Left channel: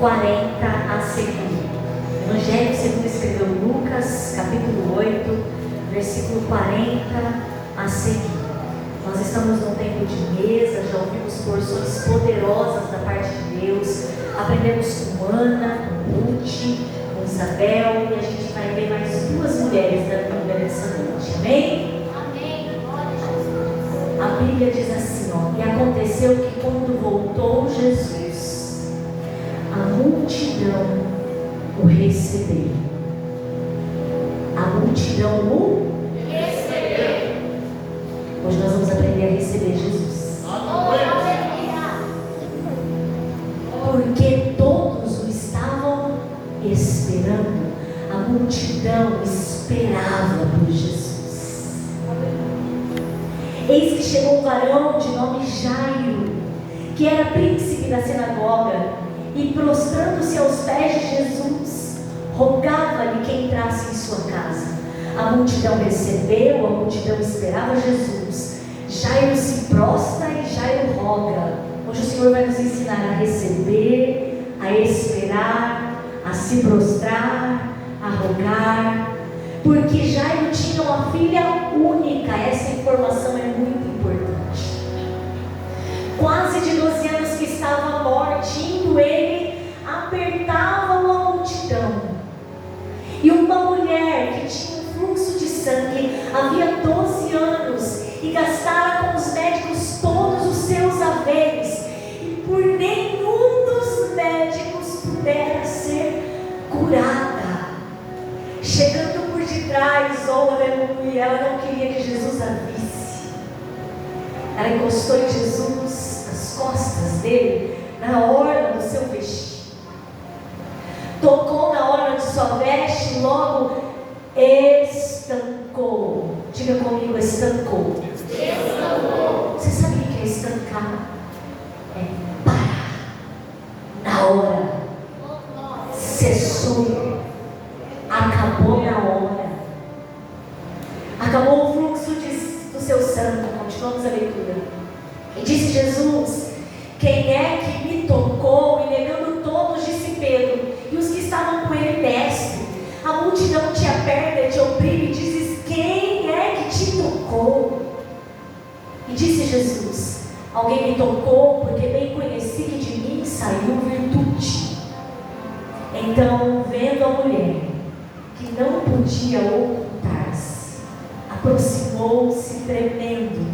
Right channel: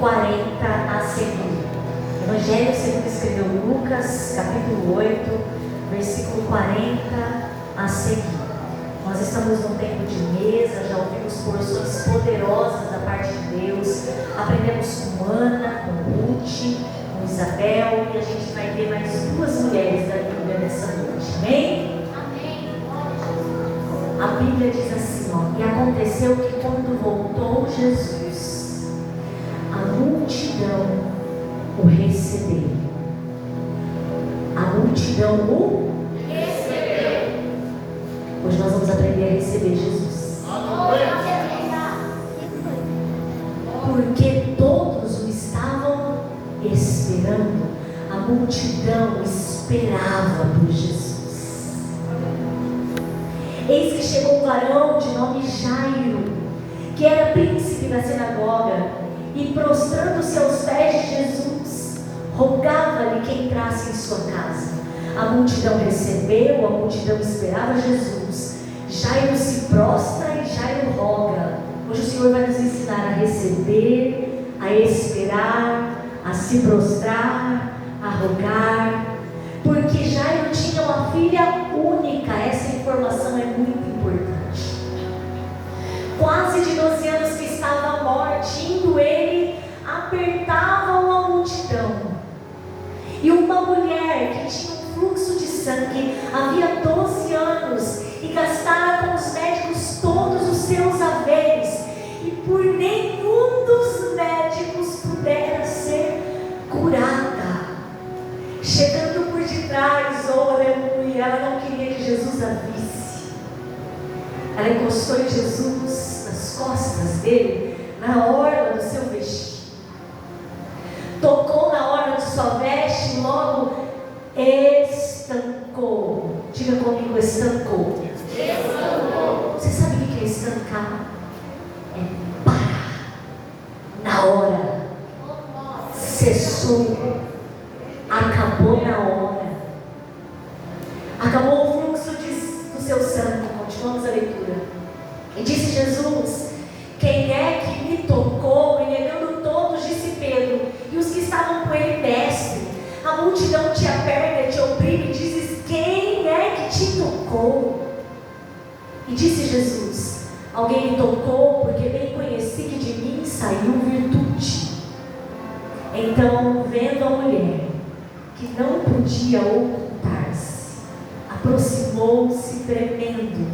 40 a seguir. Evangelho segundo escreveu Lucas, capítulo 8, versículo 40 a seguir. Nós estamos num tempo de mesa, já ouvimos porções poderosas da parte de Deus, aprendemos com Ana, com Ruth, com Isabel, e a gente vai ver mais duas mulheres da Bíblia nessa noite, amém? Amém. A Bíblia diz assim, ó: e aconteceu que quando voltou Jesus, a multidão o recebeu. A multidão o Recebeu. Hoje nós vamos aprender a receber Jesus. Porque todos o estavam esperando. A multidão esperava por Jesus. Eis que chegou um varão de nome Jairo, que era príncipe da sinagoga, e prostrando-se aos pés de Jesus, rogava-lhe que entrasse em sua casa. A multidão recebeu, a multidão esperava Jesus. Jairo se prostra e Jairo roga. Hoje o Senhor vai nos ensinar a receber, a esperar, a se prostrar, a rogar, porque Jairo tinha uma filha única. Essa informação é muito importante. Quase de 12 anos que estava à morte, indo ele, apertavam a multidão. E uma mulher que tinha um fluxo de sangue, havia 12 anos, e gastara com os médicos todos os seus haveres, e por nenhum dos médicos pudera ser curada. Chegando por detrás, oh aleluia, ela não queria que Jesus a visse. Ela encostou em Jesus, nas costas dele, na orla do seu vestido. Tocou na orla de sua veste e logo estancou. Diga comigo, estancou. Estancou. Você sabe o que é estancar? É parar. Na hora. Cessou. Acabou na hora. Acabou o fluxo do seu sangue. Continuamos a leitura. E disse Jesus: quem é que me tocou? E negando todos, disse Pedro, e os que estavam com ele: mestre. A multidão te aperta, te oprime, e dizes: quem é que te tocou? E disse Jesus: alguém me tocou, porque bem conheci que de mim saiu virtude. Então, vendo a mulher, que não podia ocultar-se, aproximou-se tremendo,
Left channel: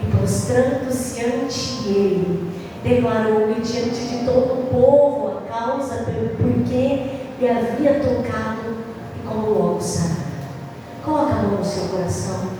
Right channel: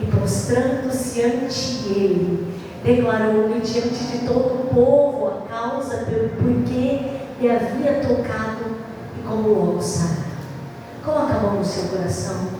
e prostrando-se ante ele, declarou-lhe diante de todo o povo a causa pelo porquê lhe havia tocado e como logo sarou. Coloca a mão no seu coração.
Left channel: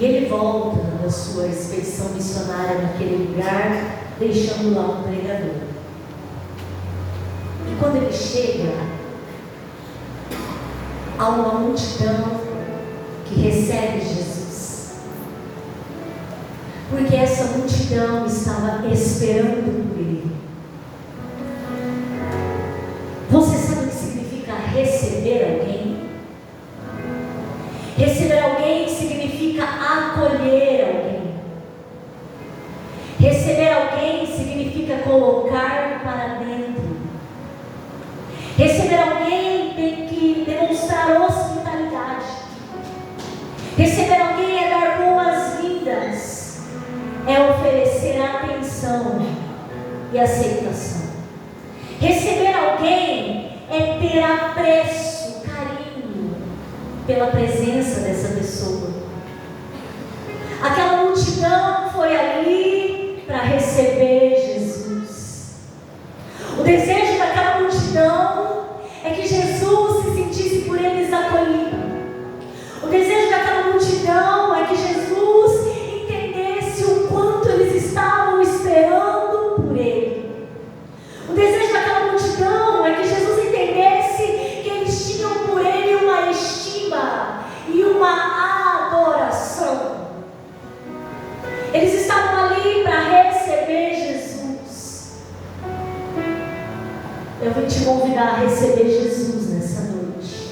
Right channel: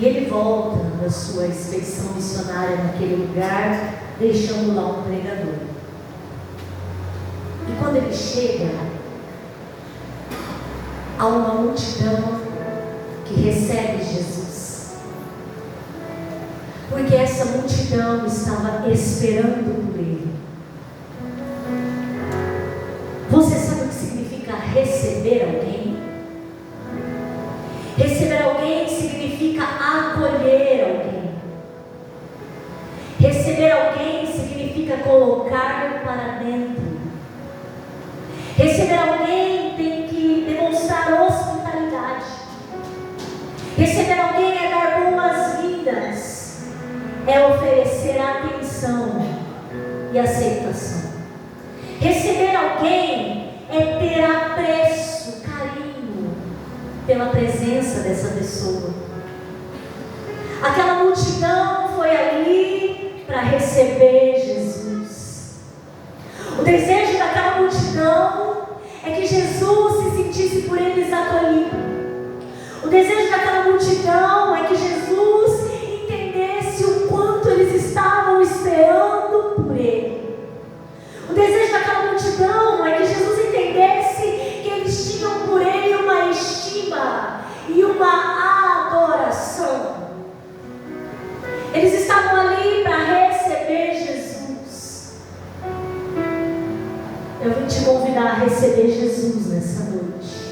E ele volta da sua expedição missionária naquele lugar, deixando lá um pregador. E quando ele chega, há uma multidão que recebe Jesus, porque essa multidão estava esperando por ele. Você sabe o que significa receber alguém? Receber alguém significa acolher alguém. Receber alguém significa colocar para dentro. Receber alguém tem que demonstrar hospitalidade. Receber alguém é dar boas-vindas, é oferecer atenção e aceitação. Receber alguém é ter apreço, carinho pela presença dessa pessoa. Aquela multidão foi ali para receber Jesus. O desejo daquela multidão é que Jesus se sentisse por eles acolhido. O desejo daquela multidão é que Jesus entendesse o quanto eles estavam esperando por ele. O desejo daquela multidão é que Jesus entendesse que eles tinham por ele uma estima e uma adoração. Eles estavam ali para receber Jesus. Eu vim te convidar a receber Jesus nessa noite.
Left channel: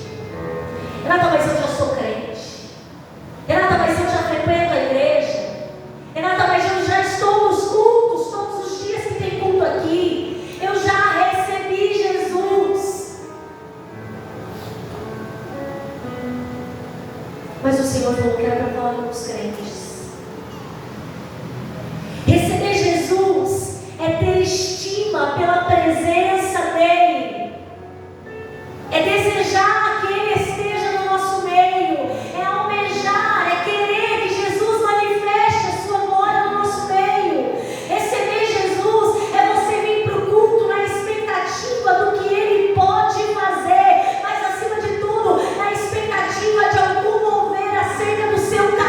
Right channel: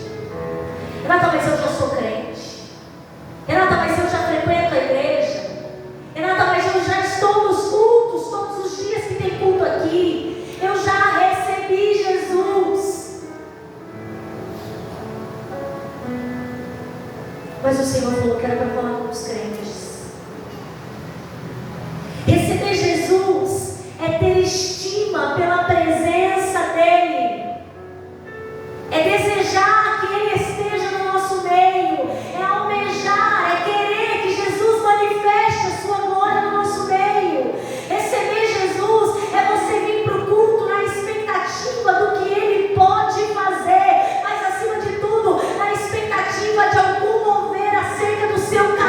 Renata, mas eu já sou crente. Renata, mas eu já frequento a igreja. Renata, mas eu já estou nos cultos, todos os dias que tem culto aqui. Eu já recebi Jesus. Mas o Senhor falou que era para falar com os crentes. Receber Jesus é ter estima pela presença dEle. É desejar que Ele esteja no nosso meio. É almejar, é querer que Jesus manifeste a sua glória no nosso meio. Receber Jesus é você vir para o culto na expectativa do que Ele pode fazer, mas acima de tudo, na expectativa de algum mover acerca do seu caminho.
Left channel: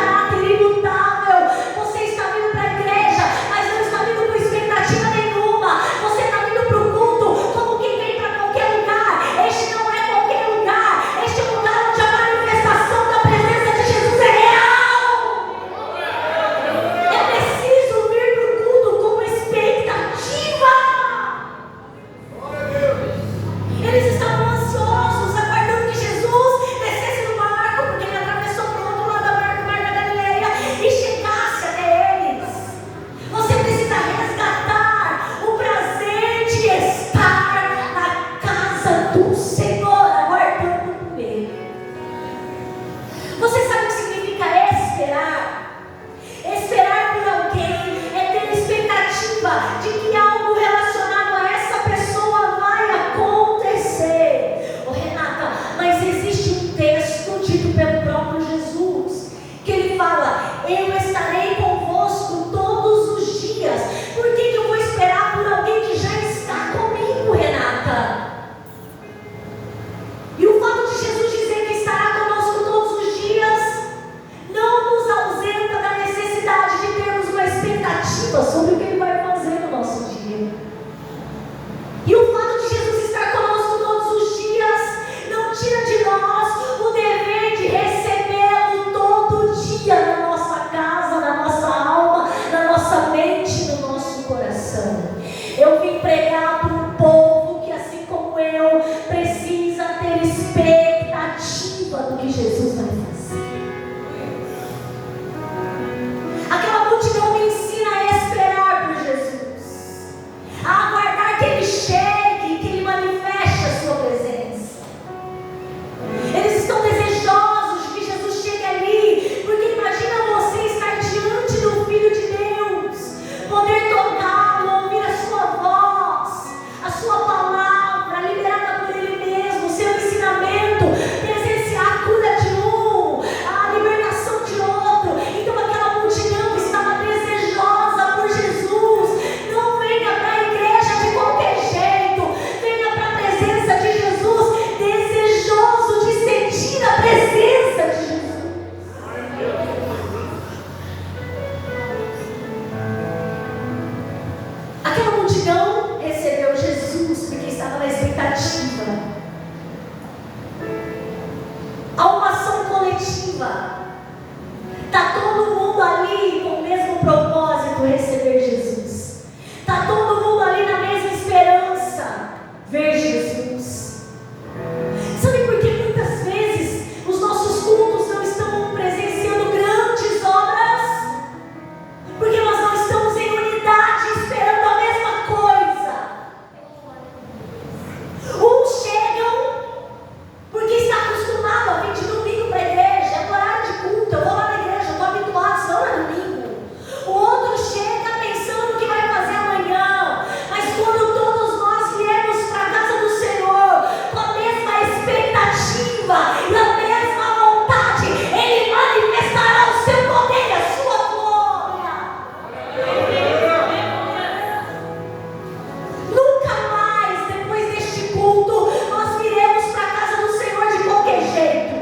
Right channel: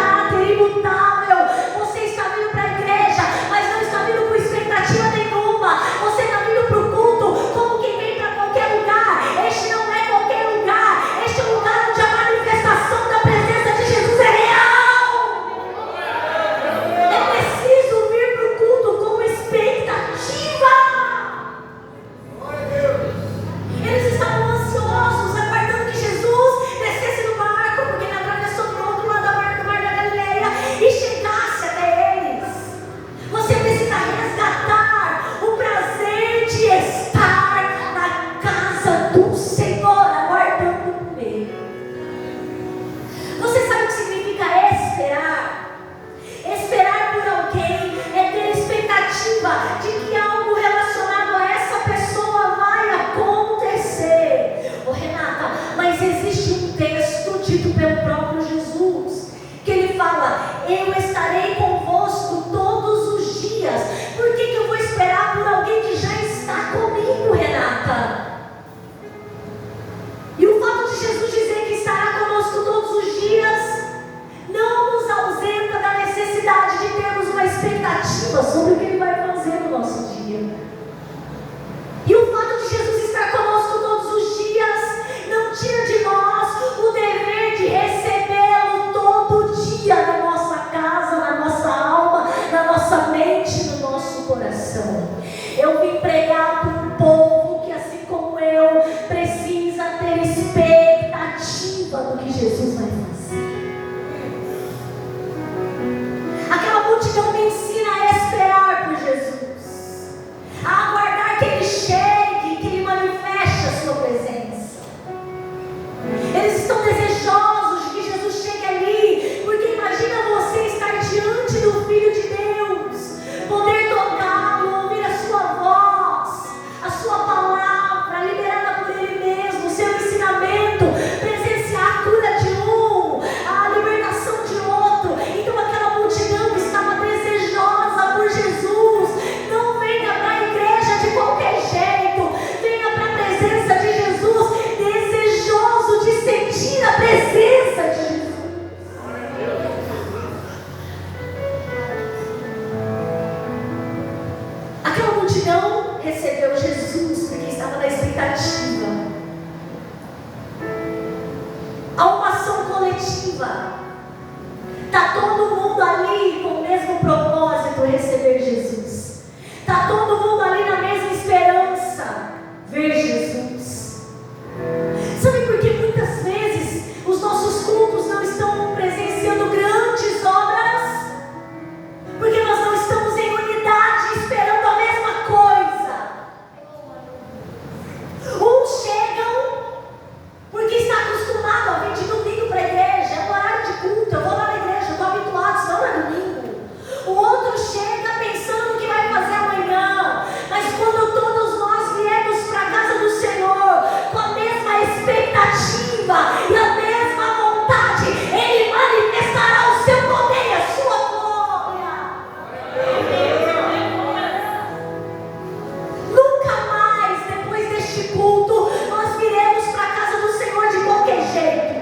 Está todo mundo ali com o mesmo propósito, receber Jesus. Está todo mundo ali na mesma esperança, ver Jesus. Sabe por que muitas vezes os nossos cultos não estão presenciando grandes obras? Porque nós não estamos em unidade, esperando a mesma coisa. Uns chegam porque está acostumado a vir de domingo para a igreja, é horário de culto, eu vou lá na igreja, estou habituado, senão é domingo. O outro chega pensando no que vai fazer amanhã, mas quando todos nós viemos para a casa do Senhor, com a mesma expectativa e a mesma vontade, Ele manifestará o seu poder e a sua glória. Nunca mais, depois deste culto, nós viremos para a casa do Senhor de qualquer jeito.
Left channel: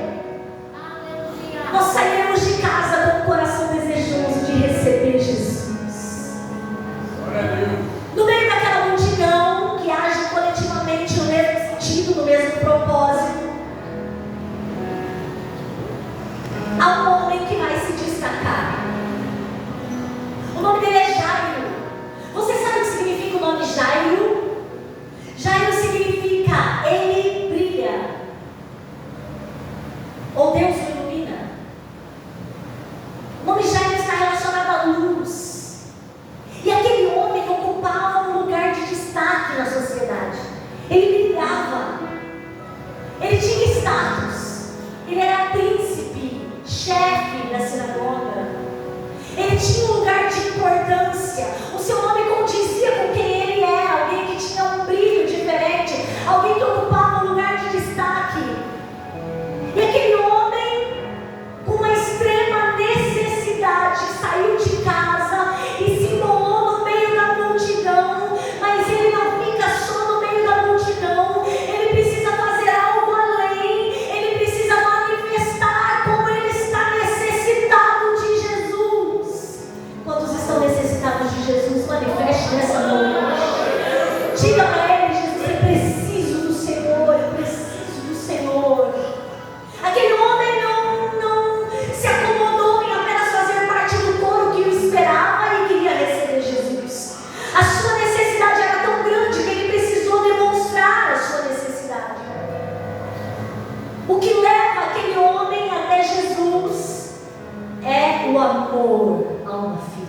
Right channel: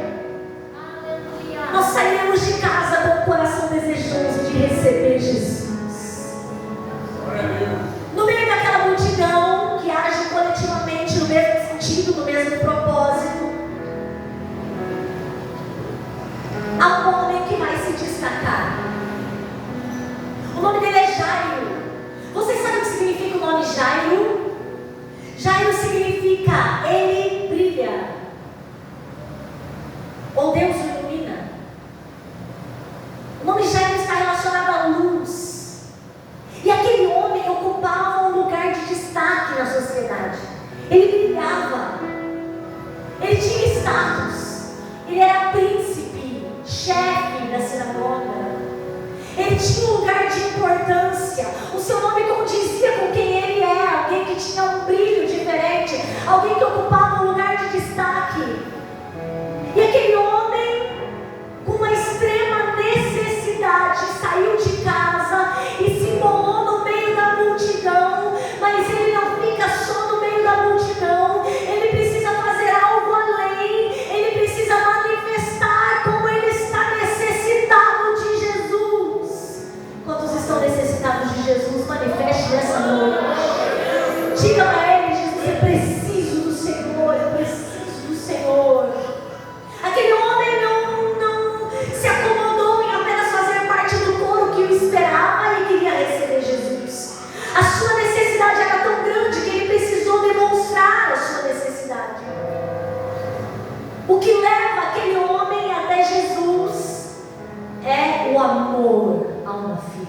Nós sairemos de casa com o coração desejoso de receber Jesus. No meio daquela multidão que age coletivamente no mesmo sentido, no mesmo propósito, há um homem que vai se destacar. O nome dele é Jairo. Você sabe o que significa o nome Jairo? Jairo significa ele brilha, ou Deus o ilumina. O nome Jairo está relacionado à luz. E aquele homem ocupava um lugar de destaque na sociedade. Ele brilhava, ele tinha status, ele era príncipe, chefe da sinagoga. Ele tinha um lugar de importância. O seu nome condizia com quem ele era. Alguém que tinha um brilho diferente. Alguém que ocupava um lugar de destaque. E aquele homem, com uma extrema necessidade, saiu de casa e se embolou no meio da multidão. Mas ele não fica só no meio da multidão. Ele precisa fazer algo além. Ele precisa manifestar como ele está necessitado de Jesus. Quantos estão necessitados de Jesus? Manifeste nessa noite. Diga para ele: Jesus, eu preciso do Senhor, eu preciso do Senhor. Aquele homem não se acomodou em apenas fazer parte do coro que o esperava e queria receber Jesus. A sua necessidade era tão grande que ele precisou demonstrar a sua necessidade. O que leva aquele homem até Jesus é o amor a uma filha.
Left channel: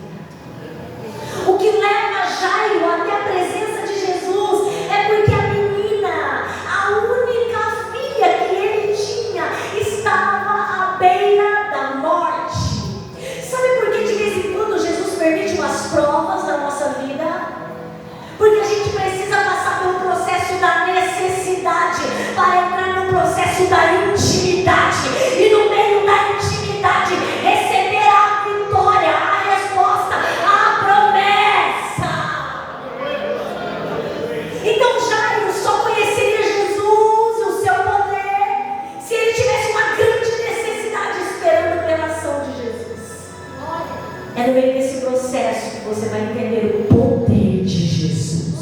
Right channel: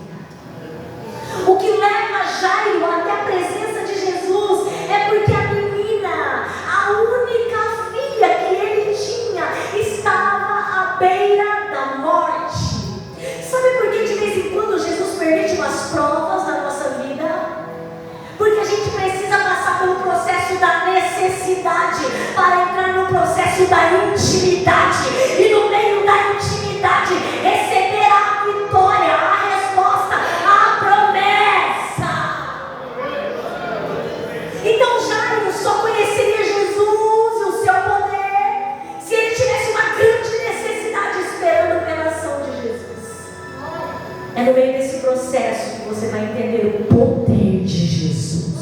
O que leva Jairo até a presença de Jesus é porque a menina, a única filha que ele tinha, estava à beira da morte. Sabe por que de vez em quando Jesus permite umas provas na nossa vida? Porque a gente precisa passar pelo processo da necessidade para entrar no processo da intimidade. E no meio da intimidade, receber a vitória, a resposta, a promessa. Então Jairo só conheceria Jesus e o seu poder se ele tivesse uma grande necessidade esperando pela ação de Jesus. É no meio desse processo que você vai entender o poder de Jesus.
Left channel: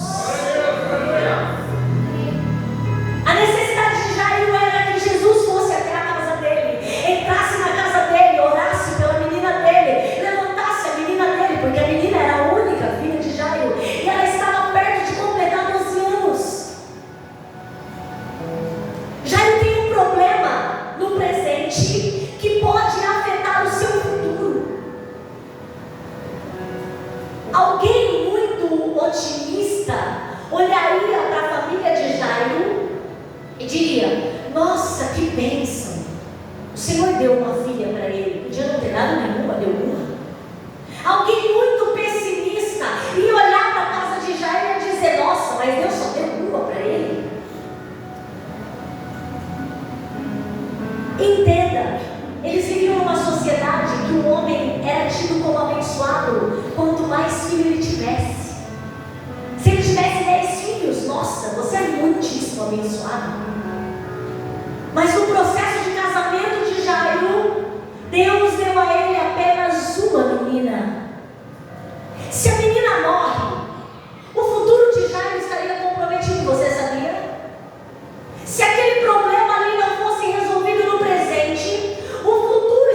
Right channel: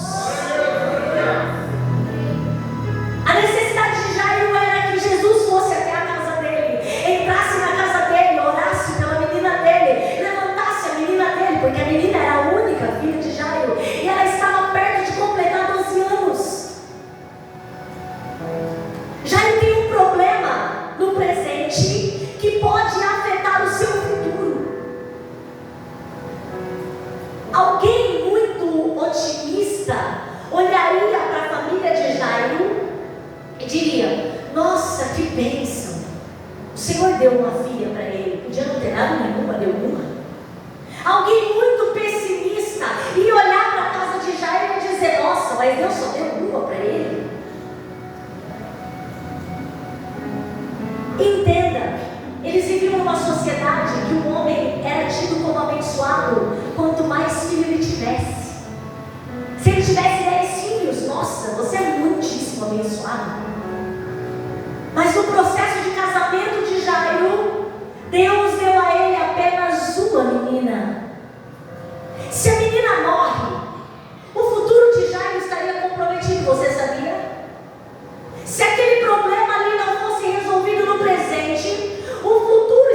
A necessidade de Jairo era que Jesus fosse até a casa dele, entrasse na casa dele, orasse pela menina dele, levantasse a menina dele, porque a menina era a única filha de Jairo e ela estava perto de completar 12 anos. Jairo tem um problema no presente que pode afetar o seu futuro. Alguém muito otimista olharia para a família de Jairo e diria: nossa, que bênção, o Senhor deu uma filha para ele. Podia não ter dado nenhuma, deu uma. Alguém muito pessimista ia olhar para a casa de Jairo e ia dizer: nossa, mas Deus só deu uma para ele. Entenda, eles viviam numa sociedade que o homem era tido como abençoado quanto mais filho ele tivesse. Se ele tivesse 10 filhos, nossa, você é muitíssimo abençoado. Mas no processo de casamento de Jairo, Deus deu a ele apenas uma menina. Se a menina morre, o futuro de Jairo estaria comprometido, você sabia? Se aquele problema ali não fosse resolvido no presente, o futuro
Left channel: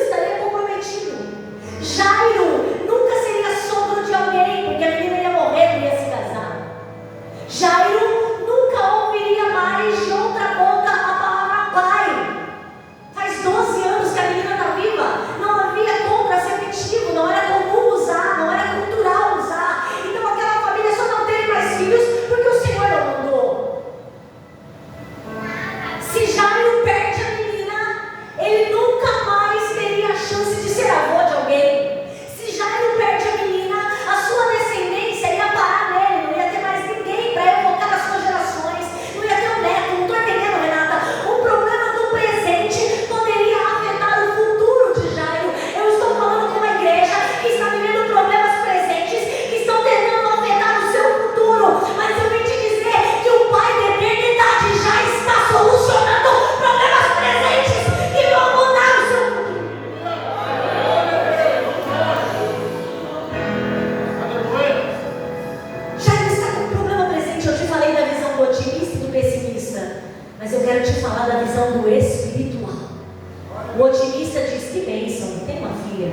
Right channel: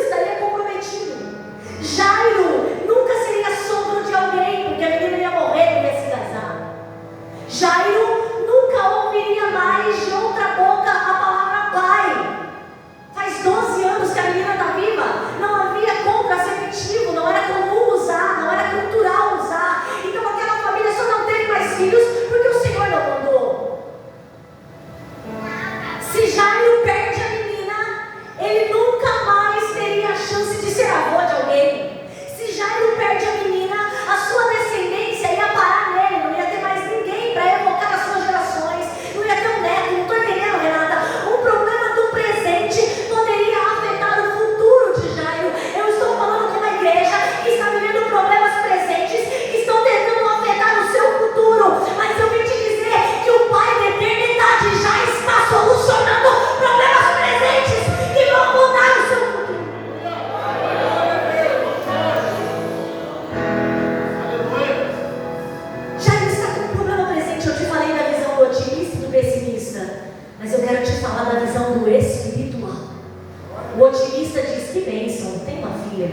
diz: que bênção, tem uma filha.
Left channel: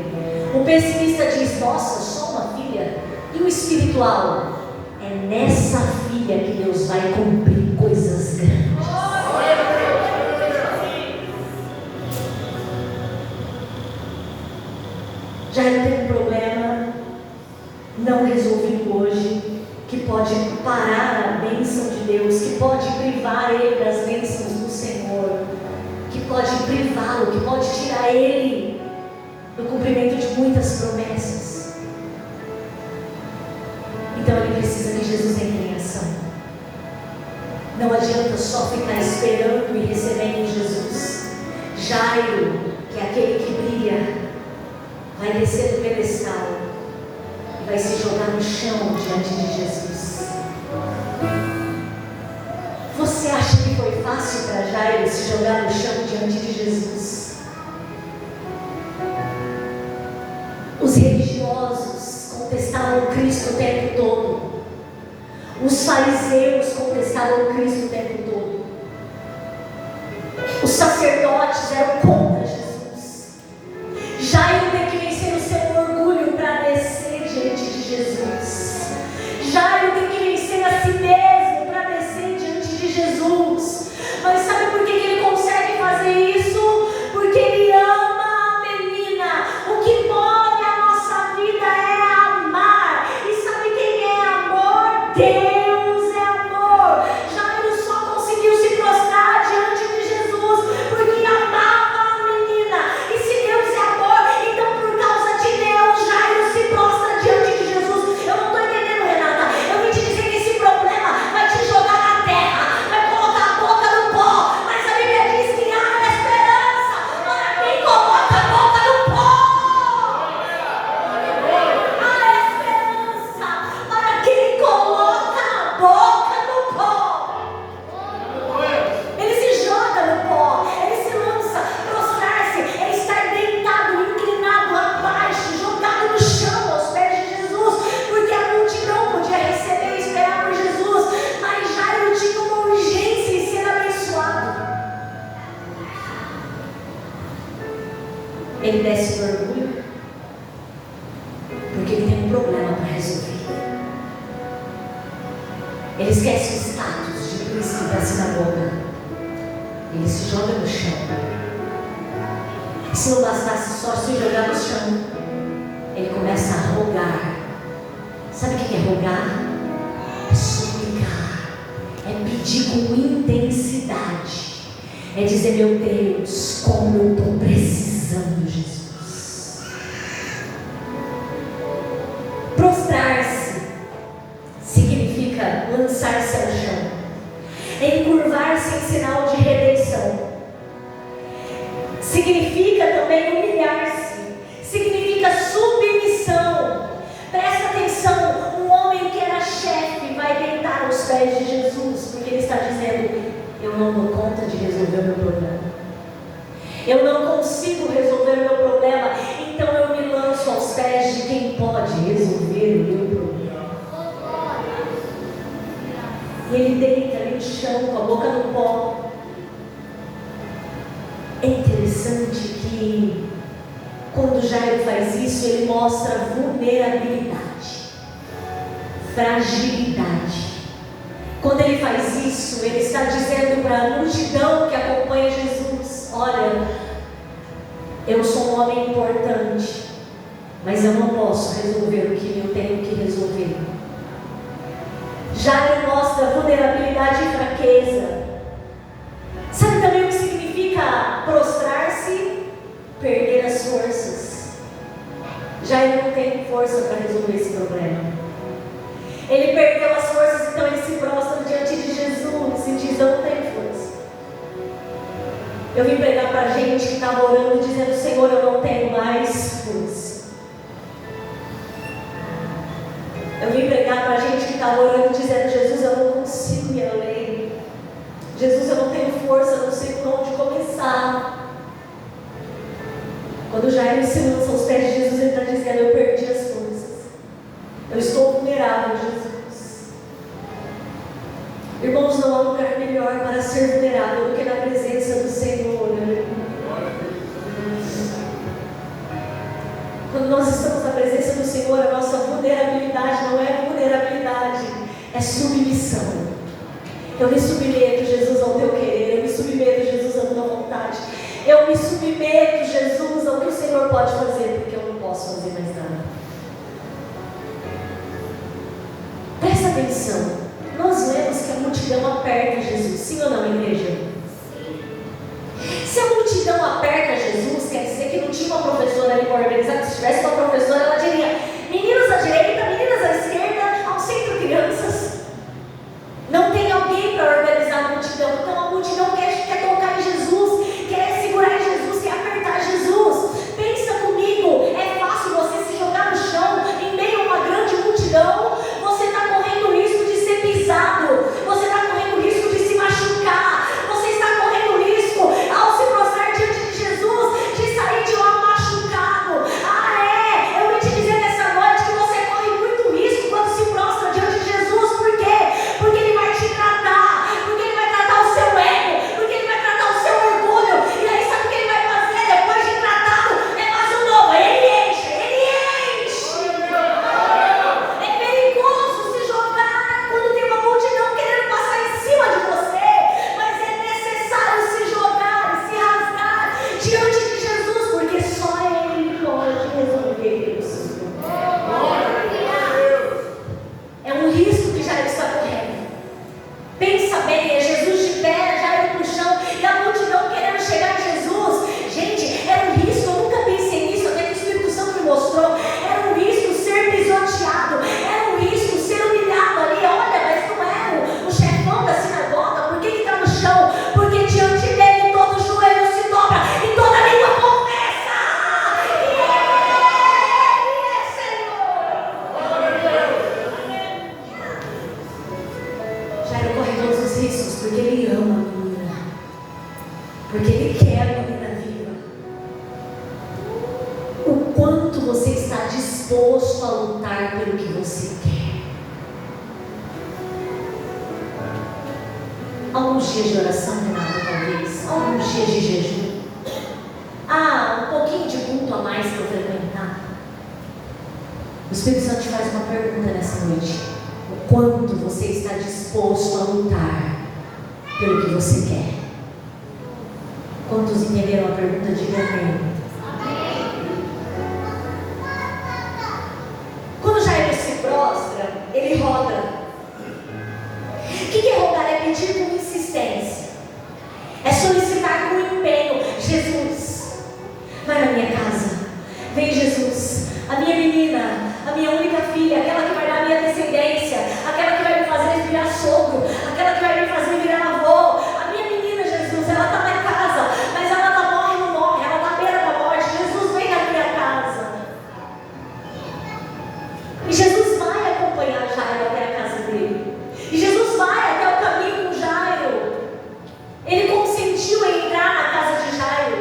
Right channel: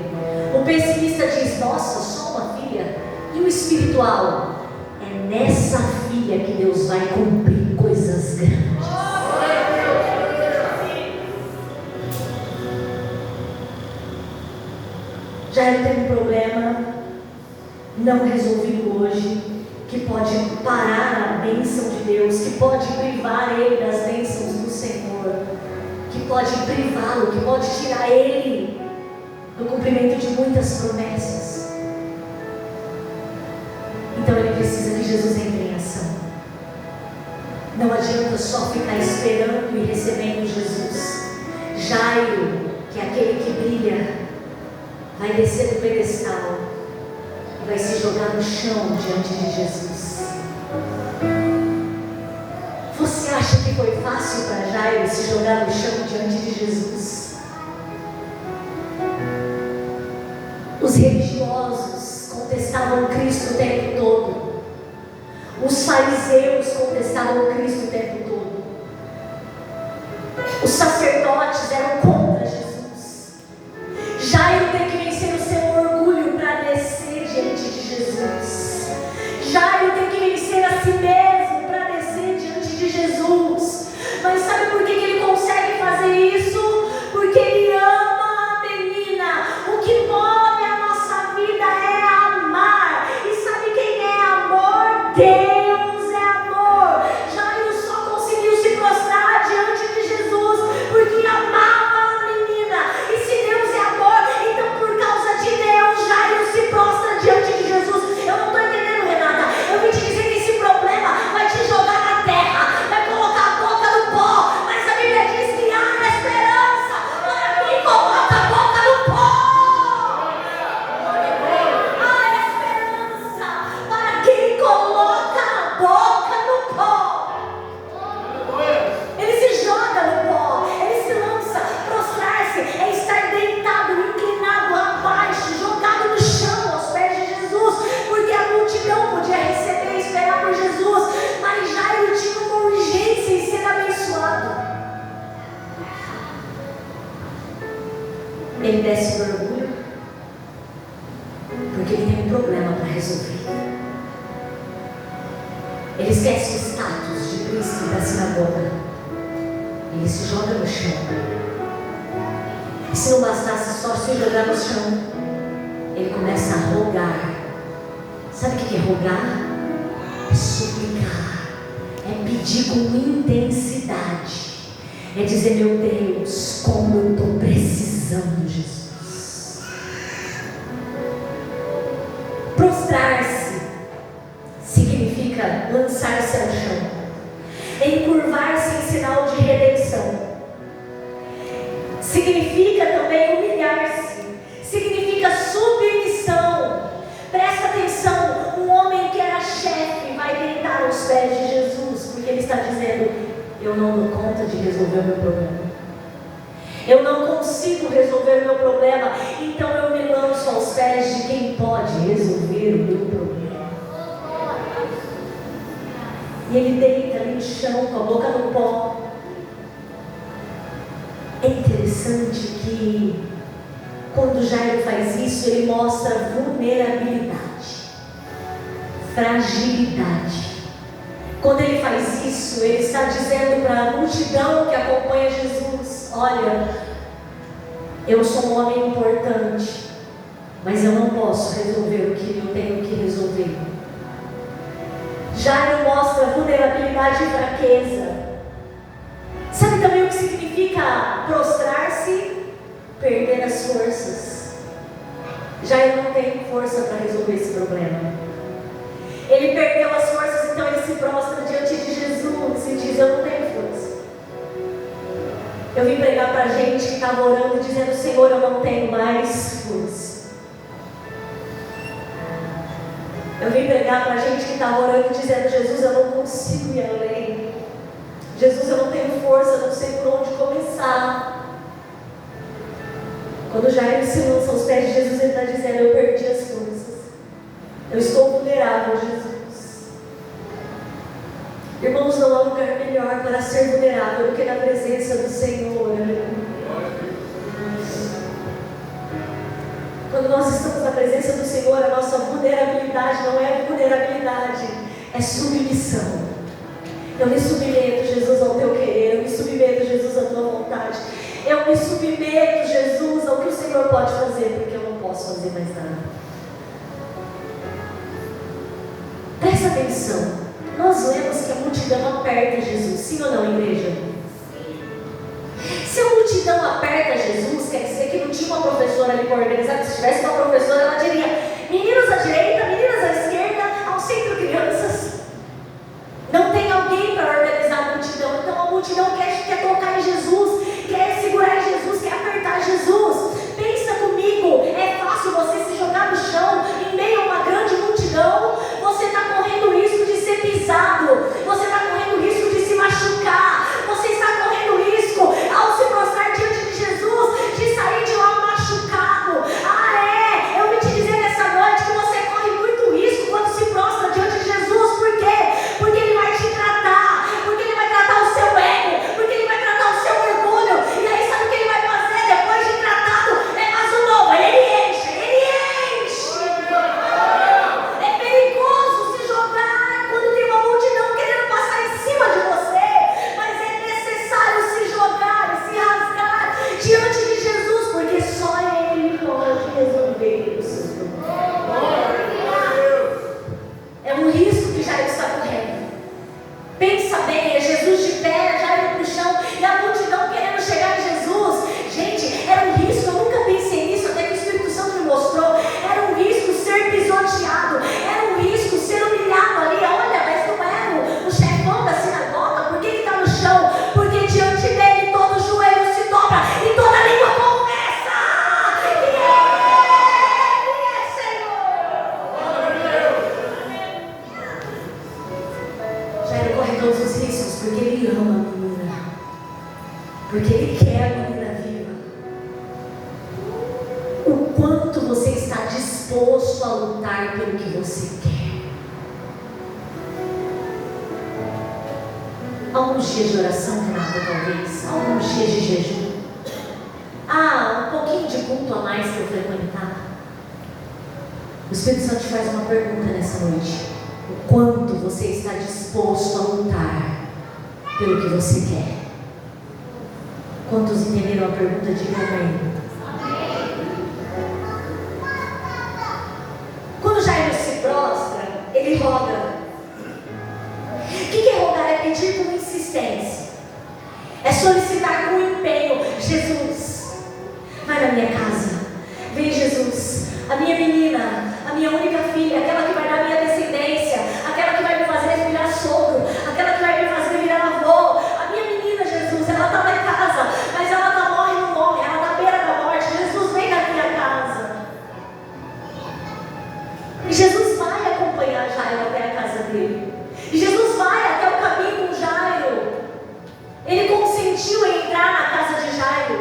O pessimista diz: nossa, só uma filha. E o espiritual: é nessa filha que Deus vai cumprir coisas grandes. Jairo tem um problema não resolvido hoje, que pode parar a bênção de Deus, que pode privar ele das bênçãos do Senhor, que pode privá-lo, que pode tirar ele do cumprimento de muitas promessas. Então ele precisa que Jesus entre em ação. Não adianta só ficar esperando e recebendo Jesus. Jairo, que é aquele que brilha, vai descer do pedestal e vai se jogar no chão diante de Jesus. Você acha que foi fácil para Jairo se jogar no chão diante de Jesus? Os religiosos contestavam Cristo o tempo todo. Os fariseus contestavam Cristo o tempo todo. Os sacerdotes eram contra Jesus. Jairo tem que vencer o seu orgulho para descer diante de Jesus. Jairo tem que vencer a si mesmo para descer diante de Jesus. Mas sabe por que ele consegue fazer isso? Porque ele ama a menina. O que move a nossa vida é amar. E sabe quem é amor? Deus é amor. Jairo só conseguiu se prostrar diante de Jesus porque amava a menina. E se Deus é amor, então por causa de Deus, Jairo se prostra diante de Jesus. Eu não estou entendendo, Renata. Eu vim te dizer que esse problema vai te jogar na terra, vai colocar a boca no pó. Mas a Bíblia diz que há esperança para quem coloca a boca no pó. Há esperança para quem coloca a boca no pó. Ele se joga no pó, ele se lança. Prostrar-se é estar deitado, inclinado, abaixo, jogado no chão aos pés de Jesus, porque a multidão podia receber e esperar por Jesus, mas Jairo tinha uma urgência em ser abençoado. Ele desce do orgulho, porque ele tem um problema para resolver. Ele esquece o status de príncipe da sinagoga. Ele se joga no chão. E se não bastasse só se jogar no chão, ele começa a rogar. Sabe o que é rogar? É suplicar, é pedir com intensidade, é dizer: meu Deus, como eu estou precisando de Jesus. Prostrar-se significa lançar-se ao chão, encurvar-se em sinal de redenção. Significa também humilhar-se, significa submissão. Presta atenção, um homem que era chefe vai deitar aos pés de Jesus, porque ele está dizendo: eu não dou conta de resolver o meu problema, eu não consigo resolver o meu problema, então eu me lanço aos pés de quem pode resolver o meu problema. E ele deita ali no chão, com a boca no pó. É interessante que quando Jairo faz isso, ele mostra vulnerabilidade, fragilidade. Quando ele faz isso, ele está dizendo para a multidão que acompanha Jesus: olha, eu sou um homem importante, mas eu não posso resolver o que eu tenho que resolver. Jairo mostra vulnerabilidade e fraqueza. Sabe também o que significa prostrar-se? Perder as forças. Jairo não tem força para resolver esse problema. Ele perdeu as forças, então ele se prostra diante de Jesus e diz: eu não tenho força. Eu vim pregar para a gente que estava orando, dizendo: Senhor, eu não tenho mais força. Eu vim pregar para a gente que estava orando, dizendo: Jesus, eu não consigo ir além. Jesus, eu não tenho força, não sei por onde começar. Quando Jairo se lança aos pés de Jesus, ele está dizendo: eu perdi as forças. Eu estou vulnerável, Jesus. Irmãos, não há lugar melhor para ser vulnerável do que na presença do Senhor. Quando nós estamos na presença do Senhor, a nossa vulnerabilidade não é vulnerabilidade, é submissão. Eu me submeto, Jesus, ao teu querer. Eu me submeto, Jesus, à tua vontade. Eu me submeto, Jesus, ao que o Senhor pode fazer, porque eu não posso fazer mais nada. Presta atenção. Nós vemos que a multidão aperta Jesus. Sim ou não, igreja? Se a multidão aperta Jesus, quer dizer que não tinha uma professora ali para organizar. Se tivesse uma professora, ela diria: meninos à direita, meninas à esquerda, ao centro crianças. Não tem alguém para organizar a multidão. Então a multidão quer tocar em Jesus, quer segurar em Jesus, quer apertar Jesus. Pensa comigo, é fácil você se jogar no chão em meio a uma grande multidão. Você está correndo o risco de ser pisado, você está correndo o risco de se machucar, você está correndo o risco, ao se prostrar diante de Jesus, de sair de lá machucado. Eu vim te dizer nessa noite que você corre muito risco quando se prostra diante de Jesus. Por quê? Porque Ele vai te tratar, porque Ele vai tratar o seu ego, porque Ele vai tratar o seu orgulho. E aí sabe o que Ele vai fazer depois de tratado? É mais um novo, Ele enche, Ele enche. É perigoso se jogar quando tem uma multidão querendo passar em cima de você, mas é necessário se jogar e se rasgar diante de Jesus, porque só Ele pode resolver os seus problemas. É um risco que Jairo está correndo. Pensa bem, é Jesus de pé, Jairo no chão e a multidão querendo chegar em Jesus. Gente, era um risco, eu nunca pensei nisso, até que o Espírito Santo me mostrou. Era um risco ser pisoteado, era um risco ser humilhado ali. Olha, mas não é o chefão da sinagoga, por que ele está no chão? Porque diante dele todo joelho se dobra e toda língua confessa que Ele é Senhor. Jairo corre todos os riscos porque ele ama a menina, porque ele quer a menina viva. O quanto você está disposto a lutar pelo que você quer. Alguns dias de oração, Renata, talvez. Alguns dias de jejum. Um pouquinho de culto a mais para eu frequentar. O Espírito Santo te faz uma pergunta nessa noite. O quanto você está disposto a lutar pelo que você quer? Quantos entenderam a pergunta? Diga amém. Quando Jairo se prostra, ele roga. O que é rogar? É pedir com insistência, é solicitar com empenho. Jesus, vai na minha casa. Vem, Jesus, a minha menina, a minha única filha, aquela que vai dar minha descendência, aquela que vai me fazer virar sogro, aquela que vai me fazer virar avô. A minha menina, Jesus, ela está na casa, mas ela está morre e não morre, ela está à beira da morte. Jesus, vem na minha casa. E Jesus vai acompanhar Jairo até a casa dele. E Jesus vai até o caminho com Jairo. Ele consentiu em entrar na casa de Jairo.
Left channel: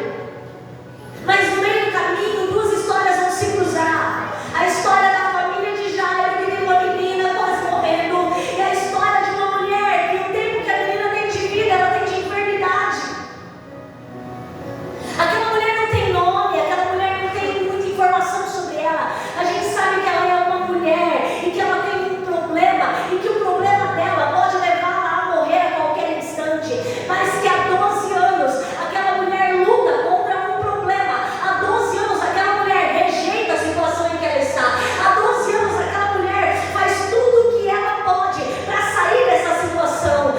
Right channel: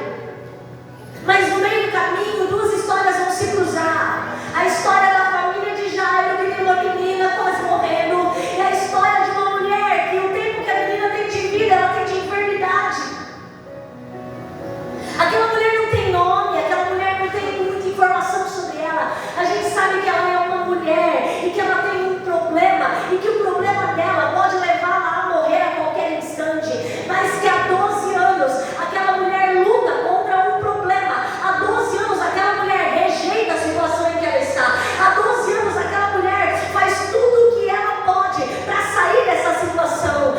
Mas no meio do caminho, duas histórias vão se cruzar. A história da família de Jairo, que tem uma menina quase morrendo. E a história de uma mulher que o tempo que a menina tem de vida, ela tem de enfermidade. Aquela mulher não tem nome, aquela mulher não tem muita informação sobre ela. A gente sabe que ela é uma mulher e que ela tem um problema, e que o problema dela pode levá-la a morrer a qualquer instante. Mas que há 12 anos aquela mulher luta contra um problema. Há 12 anos aquela mulher rejeita a situação em que ela está. Há 12 anos aquela mulher faz tudo o que ela pode para sair dessa situação.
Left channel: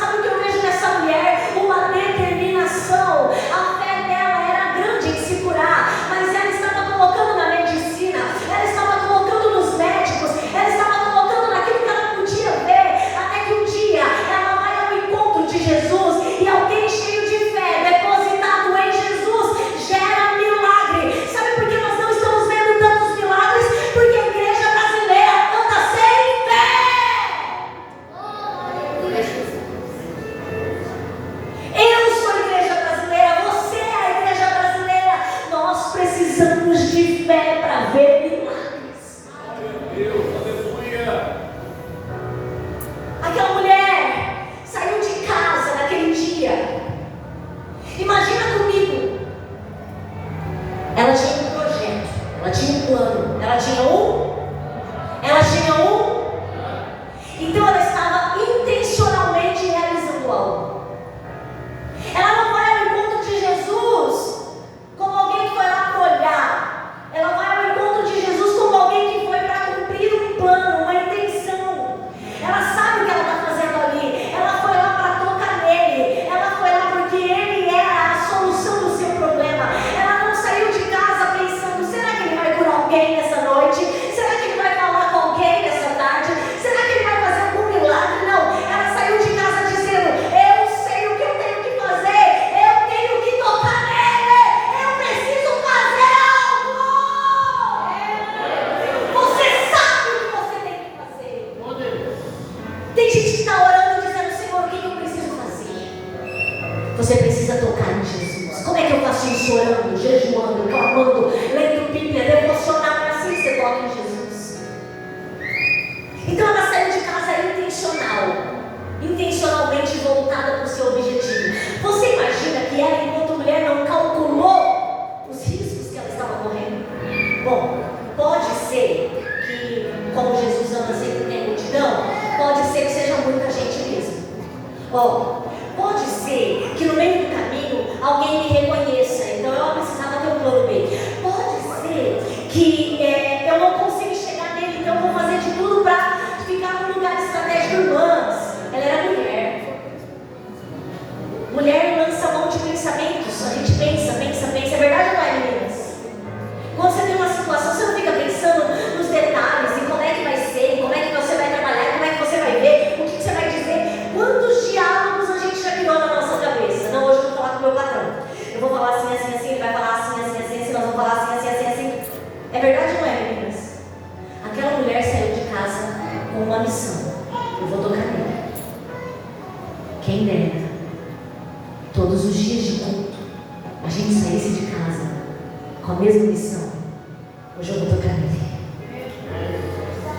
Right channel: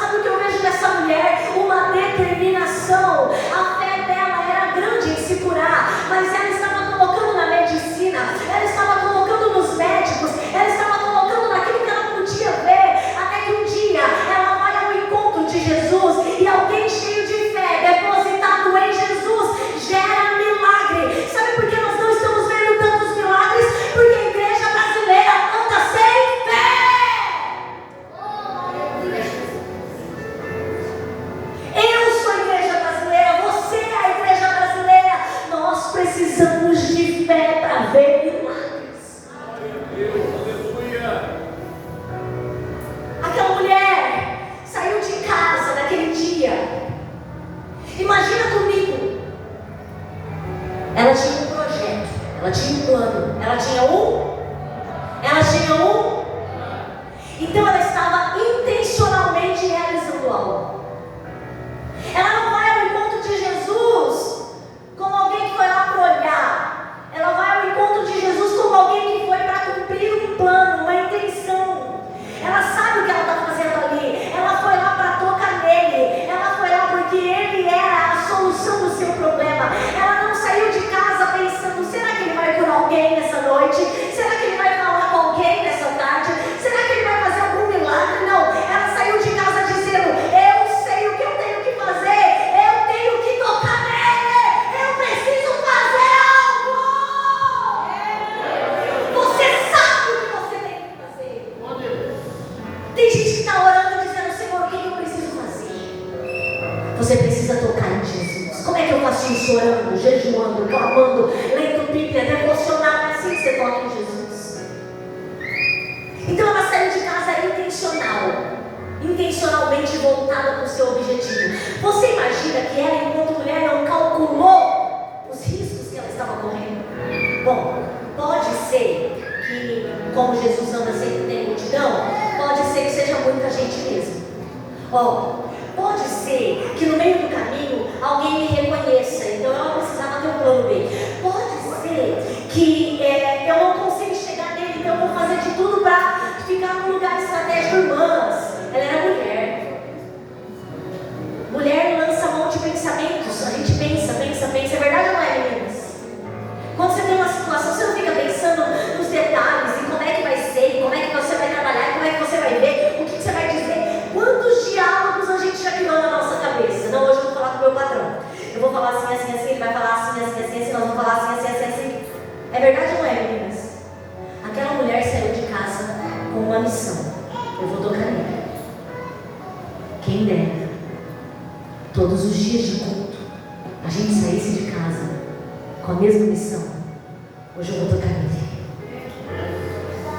Sabe o que eu vejo nessa mulher? Uma determinação. A fé dela era grande em se curar, mas ela estava colocando na medicina, ela estava colocando nos médicos, ela estava colocando naquilo que ela podia ver, até que um dia ela vai ao encontro de Jesus e alguém cheio de fé, depositado em Jesus, gera milagre. Sabe por que nós não estamos vendo tantos milagres? Porque a igreja brasileira anda sem fé. Eu sou a igreja brasileira, você é a igreja brasileira. Nós precisamos de fé para ver milagres. Aquela mulher saiu de casa naquele dia. Imagina comigo. Ela tinha um projeto. Ela tinha um plano. Ela tinha um. Então ela estava intencionalmente realizando algo. Ela não vai ao encontro de Jesus como alguém que foi lá para olhar. Ela vai ao encontro de Jesus como alguém que foi para cumprir um plano, uma intenção. Ela sabe o que ela está fazendo ali. Ela foi lá para tocar nele. Ela foi lá porque ele era a solução do seu problema. Ela não saiu de casa pensando: será que ele vai curar alguém nessa noite? Será que ele vai falar com alguém nessa tarde? Será que ele vai fazer algum milagre? Não. Ela saiu de casa dizendo: eu sei o que eu tenho que fazer. Eu tenho que tocar nele. Eu preciso fazer algo. Você sabe o que você tem que fazer. Tem gente que está orando e dizendo: Senhor, o que eu preciso fazer? Você precisa tocar em Jesus. Como é que eu faço isso? Orando, jejuando, clamando, lendo Bíblia, devocional. É assim que você toca em Jesus. Então ela saiu de casa intencionalmente voltada para o seu objetivo. Você imagina que ela, enquanto mulher, não calculou os riscos que ela estava correndo? Bom, pode ser que, como Jesus anda sempre tem multidão, pode ser que seja muita gente mesmo. Bom, pode ser que no meio do caminho alguém me reconheça, então ela precisava ter um plano B. Pode ser que eu não consiga chegar nele, então eu vou fazer de tudo para ficar num lugar estratégico. Irmãs, ela era mulher. Mulher lança mão de pensamentos. A gente pensa. É verdade ou não é, meninas? Quando você tem uma situação, você não fica pensando nos detalhes, em como é que vai ser, como é que você vai trabalhar, como é que você vai ver, o que você vai dizer. Quantos diálogos a gente já criou na nossa cabeça? Não, hoje eu vou falar com o meu patrão. Eu vou falar assim, ele vai falar assim, nós vamos falar assim. É verdade ou não é, meninas? Aquela mulher saiu de casa com uma missão: eu vou tocar nele. Quem dera todos os dias de culto a gente saísse de casa com a mesma missão. Hoje eu vou tocar nele.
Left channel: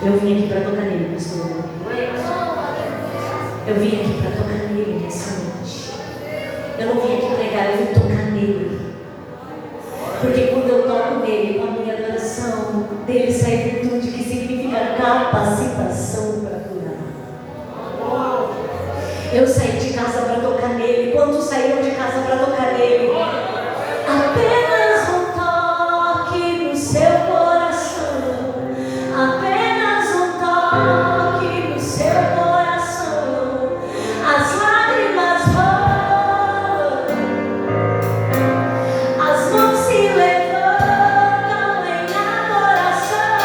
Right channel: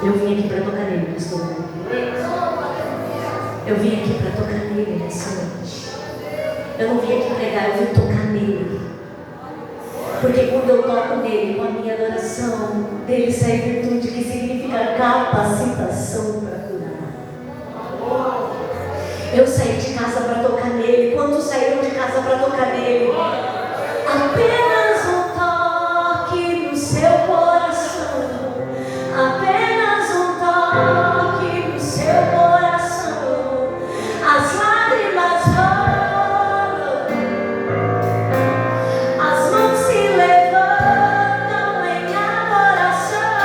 Eu vim aqui para tocar nele, pastor. Eu vim aqui para tocar nele nessa noite. Eu não vim aqui pregar, eu vim tocar nele. Porque quando eu toco nele, com a minha adoração, dele sai virtude, que significa capacitação para curar. Eu saí de casa para tocar nele. Quantos saíram de casa para tocar nele? Apenas um toque no seu coração. Apenas um toque no seu coração. As lágrimas rolam, as mãos se levantam em adoração.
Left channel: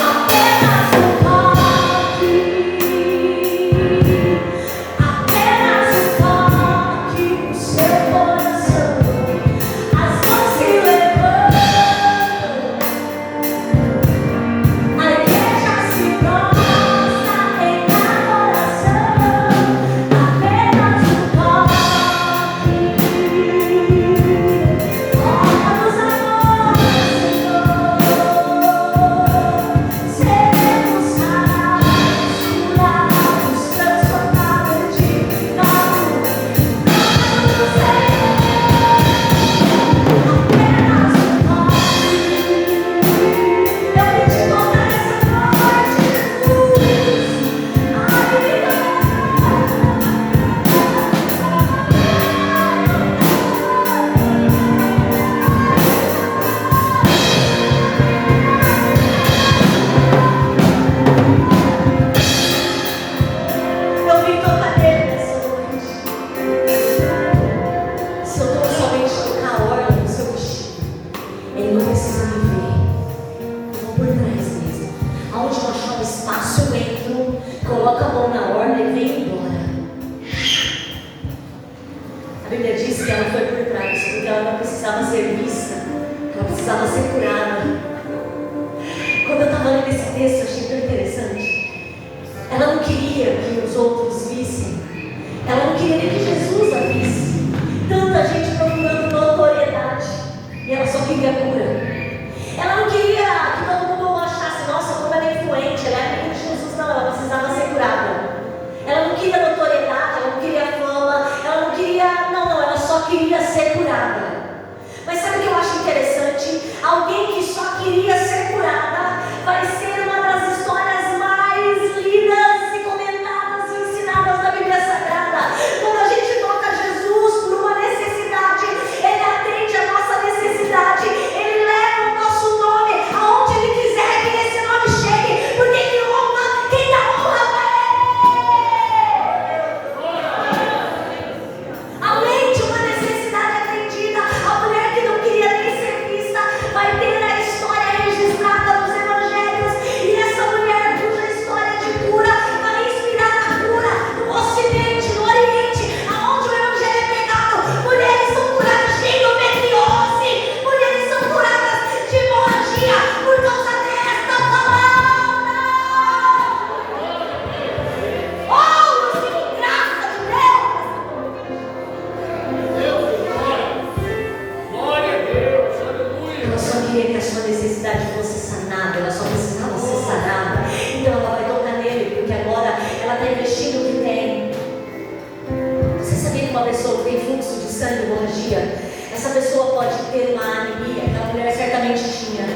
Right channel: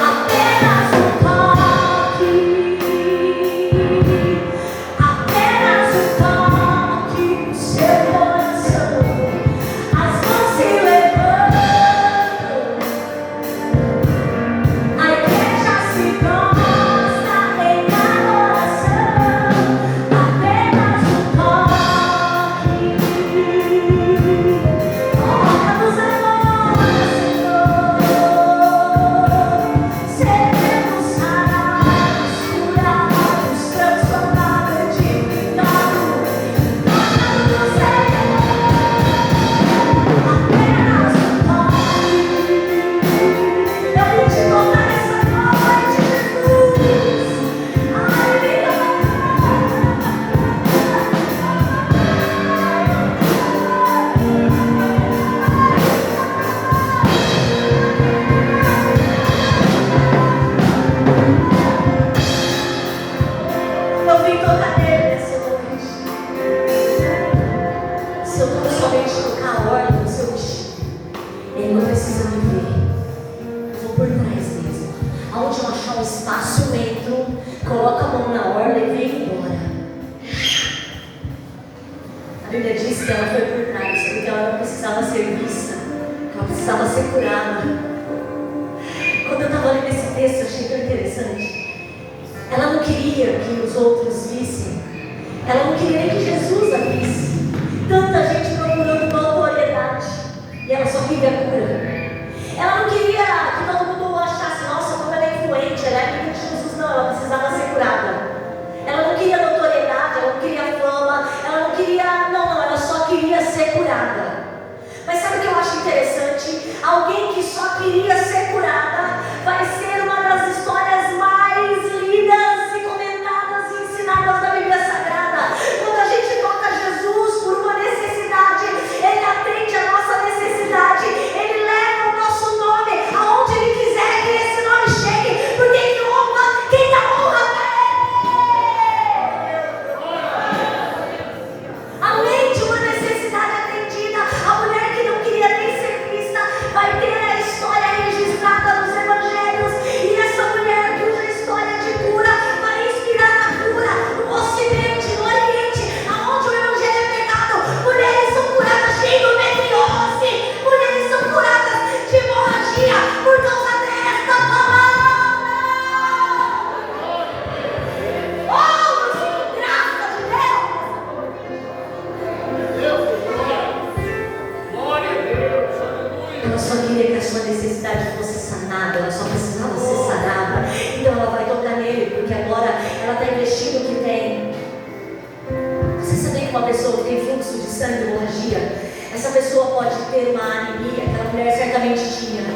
Apenas um toque. Apenas um toque no seu coração. As mãos se levantam. A igreja se prostra em adoração. Apenas um toque. Toca-nos agora, Senhor. Seremos raros, curados, transformados, dignificados. Toca-nos, Senhor. Apenas um toque. Eu vim te tocar essa noite, Jesus. Eu vim tocar nele nessa noite. Se eu tão somente tocar a ordem do seu destino, ele não precisa me ver. Eu vou por trás mesmo. Aonde eu achar um espaço, eu entro, coloco a mão na ordem e venho embora. A Bíblia diz que ela foi por trás, porque ela não precisava ser vista, ela precisava ser curada. Quando eu estava lendo esse texto, eu achei tão interessante. Ela não queria que os outros vissem. Ela não queria nem que Jesus a visse. Tanta gente procurando notoriedade. E ela só queria cura. Ela não queria que todo mundo achasse: nossa, como ela é influente, ela é amiga de Jesus. Não, ela precisava ser curada. Ela não queria notoriedade, ela não queria fama, ela não queria... Não, ela só queria ser curada. Mas sabe o que eu acho interessante? Alguém que só queria ela só queria que a sua necessidade fosse sanada, ela só precisava ser sanada. Então ela vai tocar nele, porque agora ela está investindo o que tem. Você sabia que uma pessoa que tem fluxo de sangue, hemorragia, essa pessoa pode ter uma anemia, aquela mulher certamente tinha.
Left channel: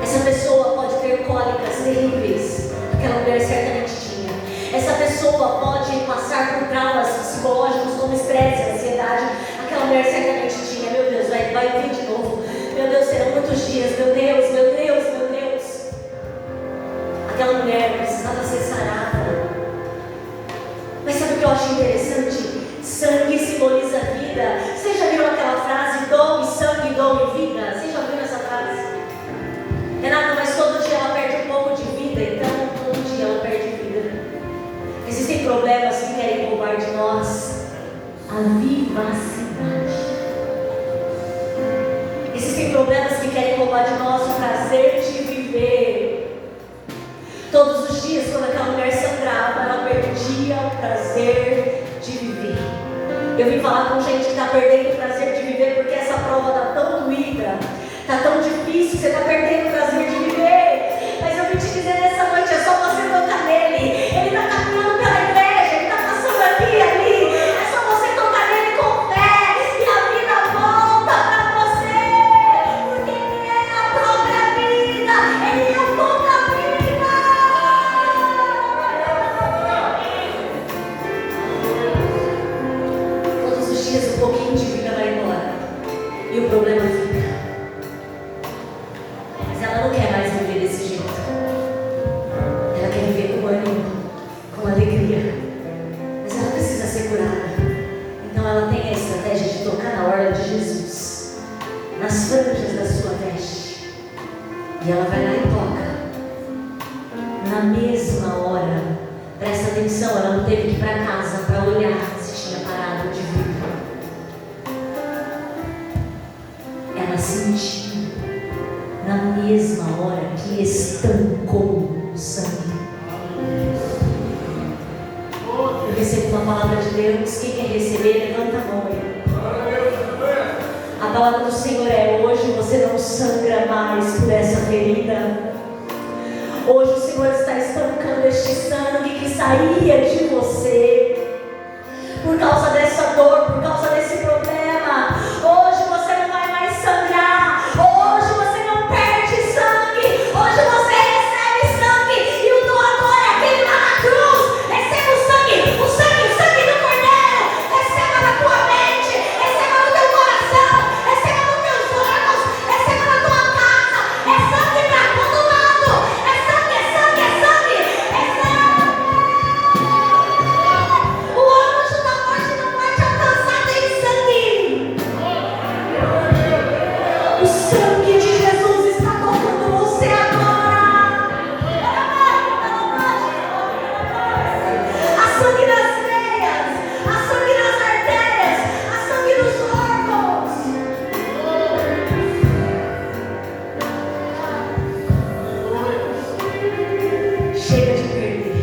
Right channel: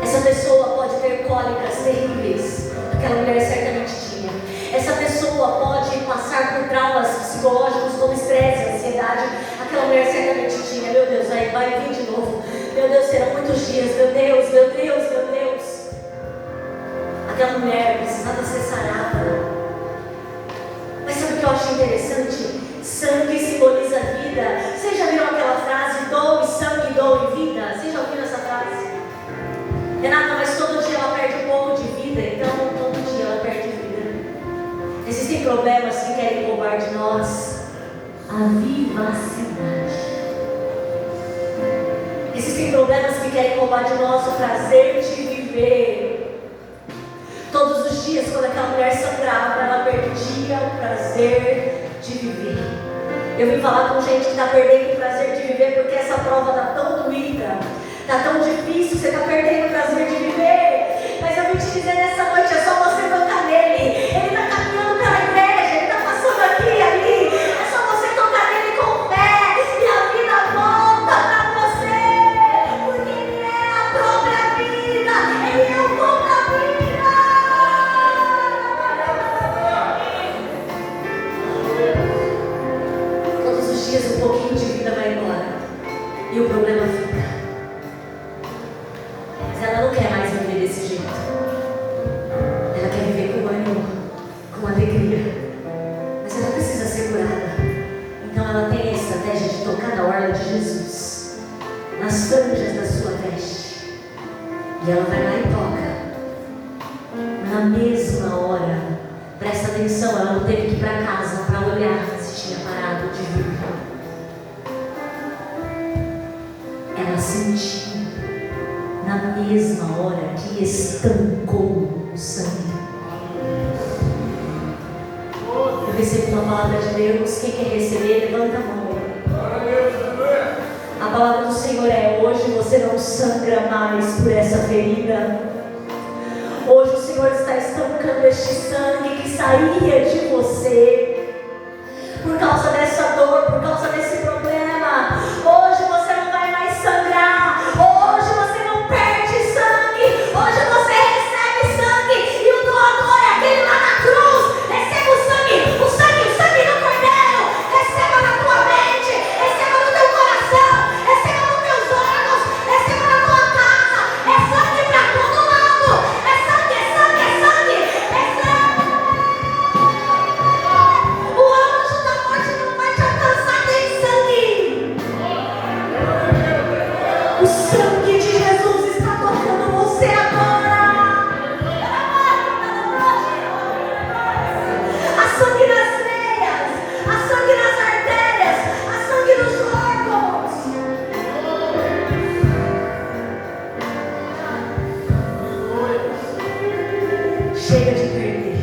Essa pessoa pode ter cólicas terríveis, aquela mulher certamente tinha. Essa pessoa pode passar por traumas psicológicos como estresse, ansiedade, aquela mulher certamente tinha. Meu Deus, vai vir de novo. Meu Deus, serão muitos dias. Meu Deus, meu Deus, meu Deus. Aquela mulher precisava ser sarada. Mas sabe o que eu acho interessante? Sangue simboliza vida. Você já viu aquela frase, dom e sangue, dom e vida? Você já ouviu essa frase? Renata, mas todo dia ela perde um pouco de vida, então todo dia ela perde vida. Existem problemas que querem roubar de nós a vivacidade. Existem problemas que querem roubar de nós o prazer de viver. Todos os dias, quando aquela mulher sangrava, ela perdia o prazer de viver. Eu vim falar com gente que está perdendo o prazer de viver porque essa prova está tão doída, está tão difícil, você está perdendo o prazer de viver. Mas eu vim te dizer nessa noite, é só você tocar nele. Ele está caminhando pela igreja, ele está passando aqui e ali. É só você tocar nele com fé e a vida volta para você. Porque ele é a própria vida, ele é o pão da vida. Todos os dias um pouquinho de vida vai embora e o problema fica. Mas ela não quer mais viver desse jeito. Ela quer viver com ânimo, com alegria. Mas ela precisa ser curada. Então ela tem a estratégia de tocar na orla de Jesus, nas franjas da sua veste. E ela vai lá e toca. Na mesma hora, presta atenção, ela não teve que ir para casa para olhar se tinha parado de vir. Ela sentiu na mesma hora que estancou o sangue. Eu recebo uma palavra de Deus. Quem quer receber, levanta a mão aí. A palavra do Senhor é: hoje você não sangra mais por essa ferida. Hoje o Senhor está estancando este sangue que saía de você por causa dessa dor, por causa desse problema. Hoje você não vai mais sangrar. Hoje você não perde sangue. Hoje você recebe sangue. E o doador é aquele lá na cruz. Receba o sangue do Cordeiro. Receba na tua mente, receba no teu coração, receba nos teus órgãos, receba na tua casa. É sangue para todo lado. É sangue, é sangue, é sangue, é sangue. O anjo da morte não vai te alcançar sem sangue. O sangue de Jesus está tocando você agora. Há sangue nas veias, há sangue nas artérias, há sangue nos órgãos. Chega de perder.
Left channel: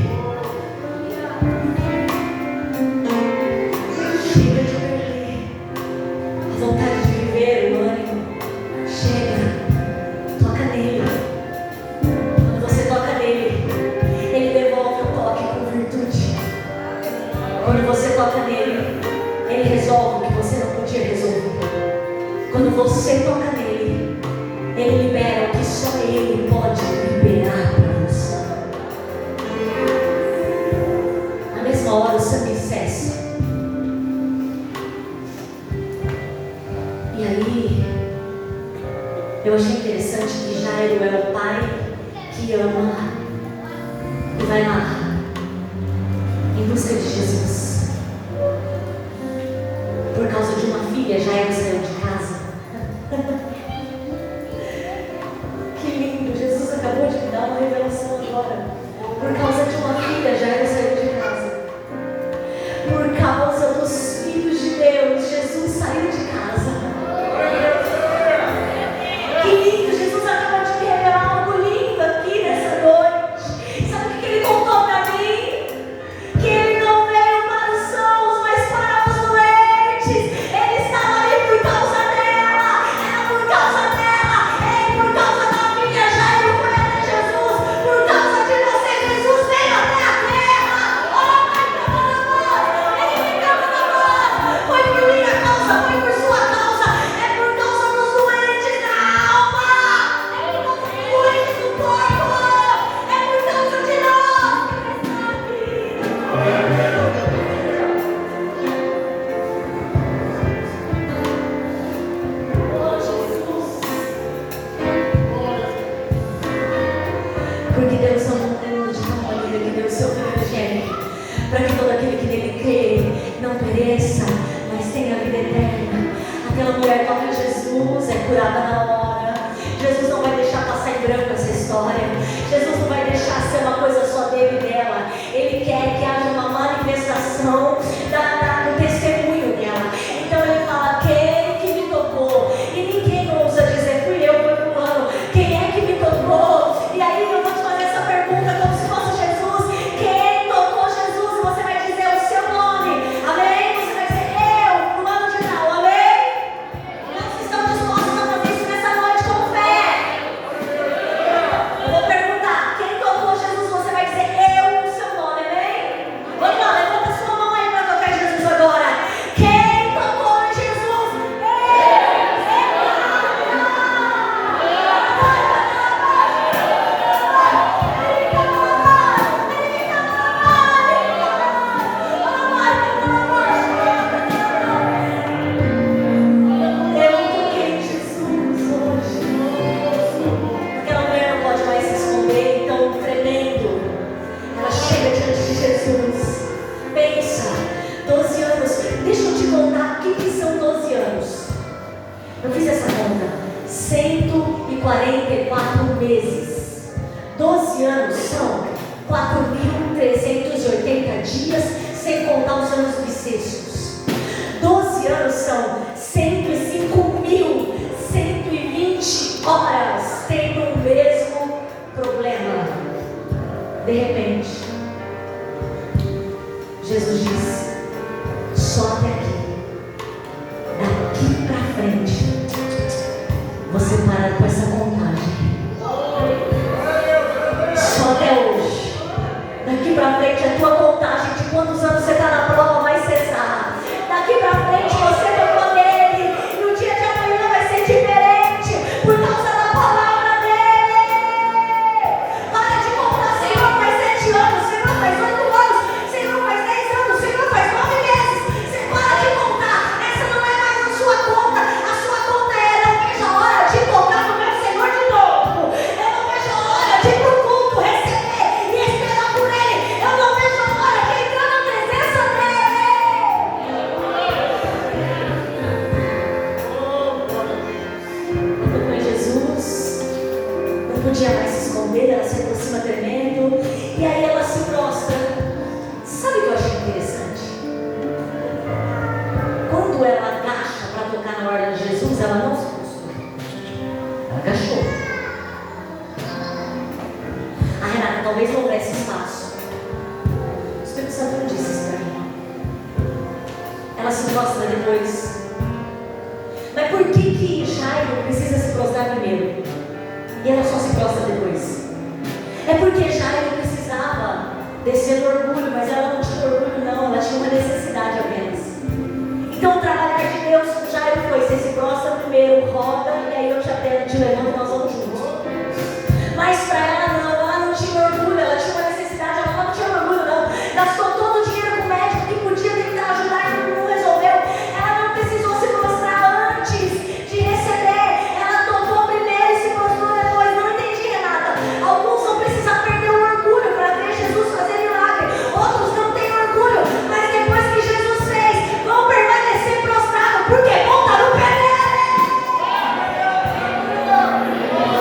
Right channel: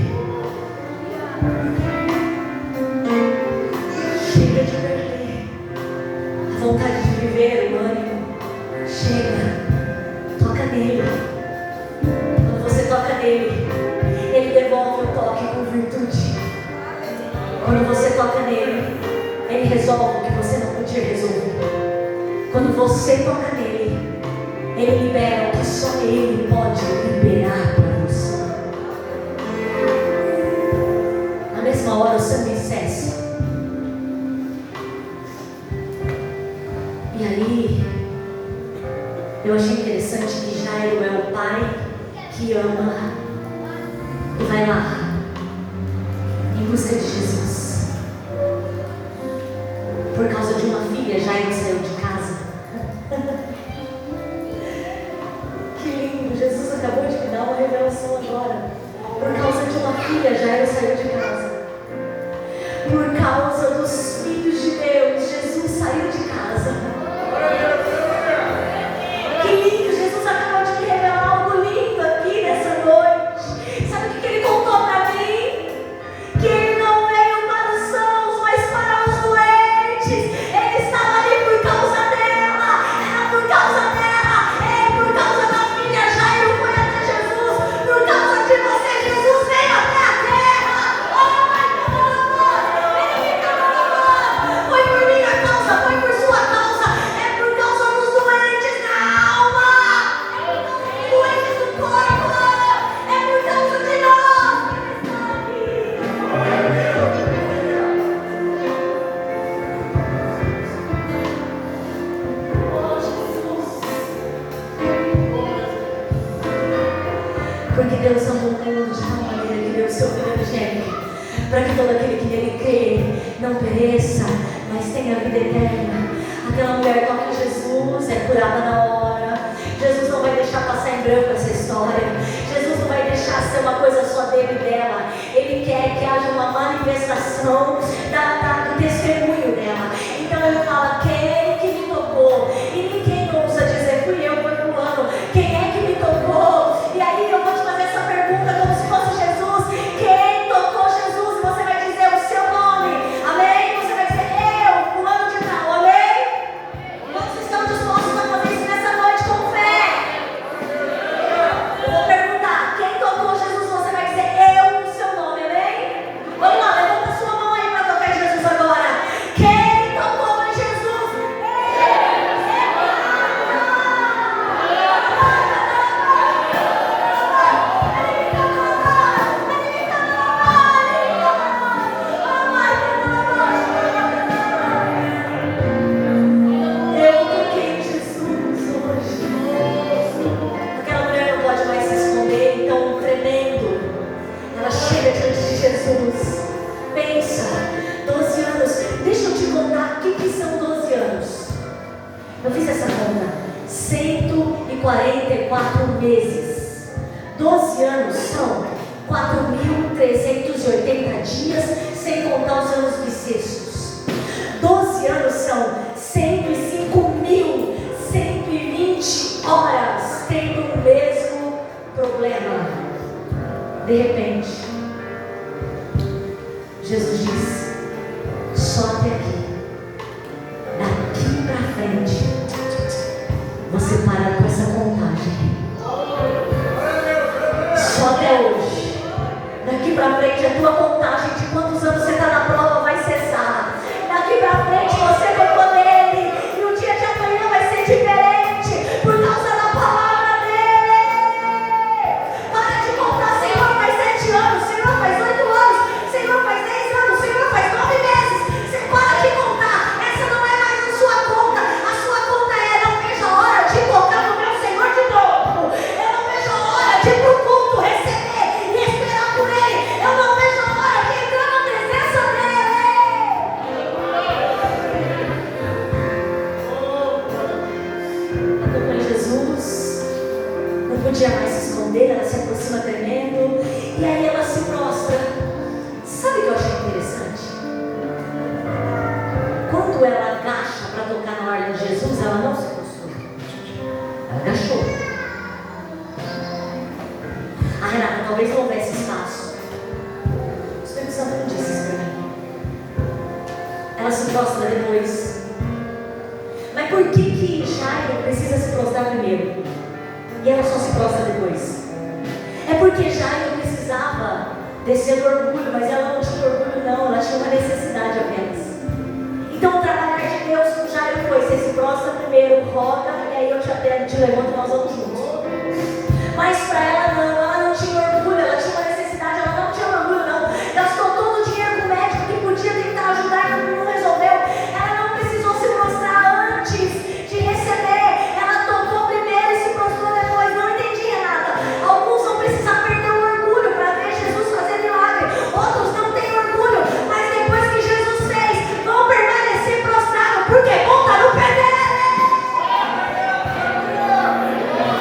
Chega de perder. A vontade de viver, o ânimo. Chega. Toca nele. Quando você toca nele, ele devolve o toque com virtude. Quando você toca nele, ele resolve o que você não podia resolver. Quando você toca nele, ele libera o que só ele pode liberar para você. Na mesma hora o sangue cessa. E aí, eu achei interessante que Jairo é o pai que ama e vai lá em busca de Jesus. Por causa de uma filha, Jairo saiu de casa. Que lindo, Jesus acabou de me dar uma revelação agora. Por causa de uma filha, Jairo saiu de casa. Por causa dos filhos de Deus, Jesus saiu de casa. Que lindo, Jesus acabou de me revelar algo lindo aqui nessa noite. Sabe o que ele contou para mim? Que ele não é Porque Deus amou o mundo de tal maneira que deu seu filho unigênito, para que todo aquele que nele crê não pereça, mas tenha vida eterna. Aquela mulher toca em Jesus, é curada na hora. Jesus não vai deixar passar em branco essa história. Jesus não vai deixar ser uma coisa só dele e dela. Ele quer que haja uma manifestação do testemunho dela. Então ele fala: quem que me tocou? E ninguém não usa dizer: fui eu, foi fulano. Quem é que me tocou? E aí eu vou te fazer essa pergunta como se fosse Jesus. Quem tocou Jesus? E você vai dizer o seu nome. Amém? Você vai dizer: eu, fulano de tal. Amém? Quantos estão dispostos a fazer isso nessa noite com fé? Eu vou perguntar: quem tocou Jesus? Você vai dizer: eu, o seu nome. Amém? Vamos lá, levanta sua mão aí para tocar em Jesus agora. Quem tocou em Jesus? Eu toquei em Jesus hoje. Aquela mulher não pode mais se esconder, então tremendo. Ela chega diante de Jesus. Pensa, 12 anos. Deixa eu te contar o que são 12 anos. Eu fiz essa conta. 144 meses. 12 anos são 4.380 dias, sem contar os anos bissextos. 12 anos são 105.120 horas tendo o mesmo problema. De repente, Jesus disse: só até aqui. Daqui pra frente, você para com essa contagem. Só até hoje. Daqui pra frente, a tua contagem de quantos anos você está na prova vai cessar. Daqui pra frente, você tocou nele, e o dia de amanhã vai ser diferente por causa da palavra dele. Para de contar: Senhor, faz 7 anos, Senhor, faz 8 anos, Senhor, faz 10 anos, Senhor, faz 9 meses. Você para de contar. Essa não é mais a sua conta. A sua conta é: eu não vejo a hora de tocar no meu Senhor de novo. Eu não vejo a hora de ir pro culto, receber e esperar por ele. Eu não vejo a hora de entrar na presença dele. Ela tocou em Jesus, não podia mais se esconder, ela se aproxima tremendo, e aí ela se prostra. Sabe o que eu achei interessante? Quando ela agacha para tocar na hora de Jesus, ela não se prostrou, ela agachou. A Renata talvez não houvesse espaço. O Espírito Santo não disse isso para mim. Ela se prostra depois. Mas por que Jairo precisa se prostrar primeiro e ela só se prostra depois? É porque Jairo precisava descer do orgulho, mas ela não tinha orgulho não, ela tinha uma necessidade apenas. Então o trabalhar de Deus com Jairo foi: você se prostra primeiro, roda, e aí eu te levanto e nós vamos juntos. Mas para ela não tinha orgulho, ela tinha uma necessidade, ela não tinha orgulho não. Gastou todo o dinheiro com o médico que podia tentar ajudar e não resolveu. Ela não precisou se prostrar antes de receber. Ela tocou primeiro e se prostrou depois. Não entendi, Renata. Alguns vão precisar perder o orgulho para ver Jesus fazer milagre. Outros não têm orgulho, mas depois que Jesus fez, vão permanecer prostrados, porque vão estar no pé dele.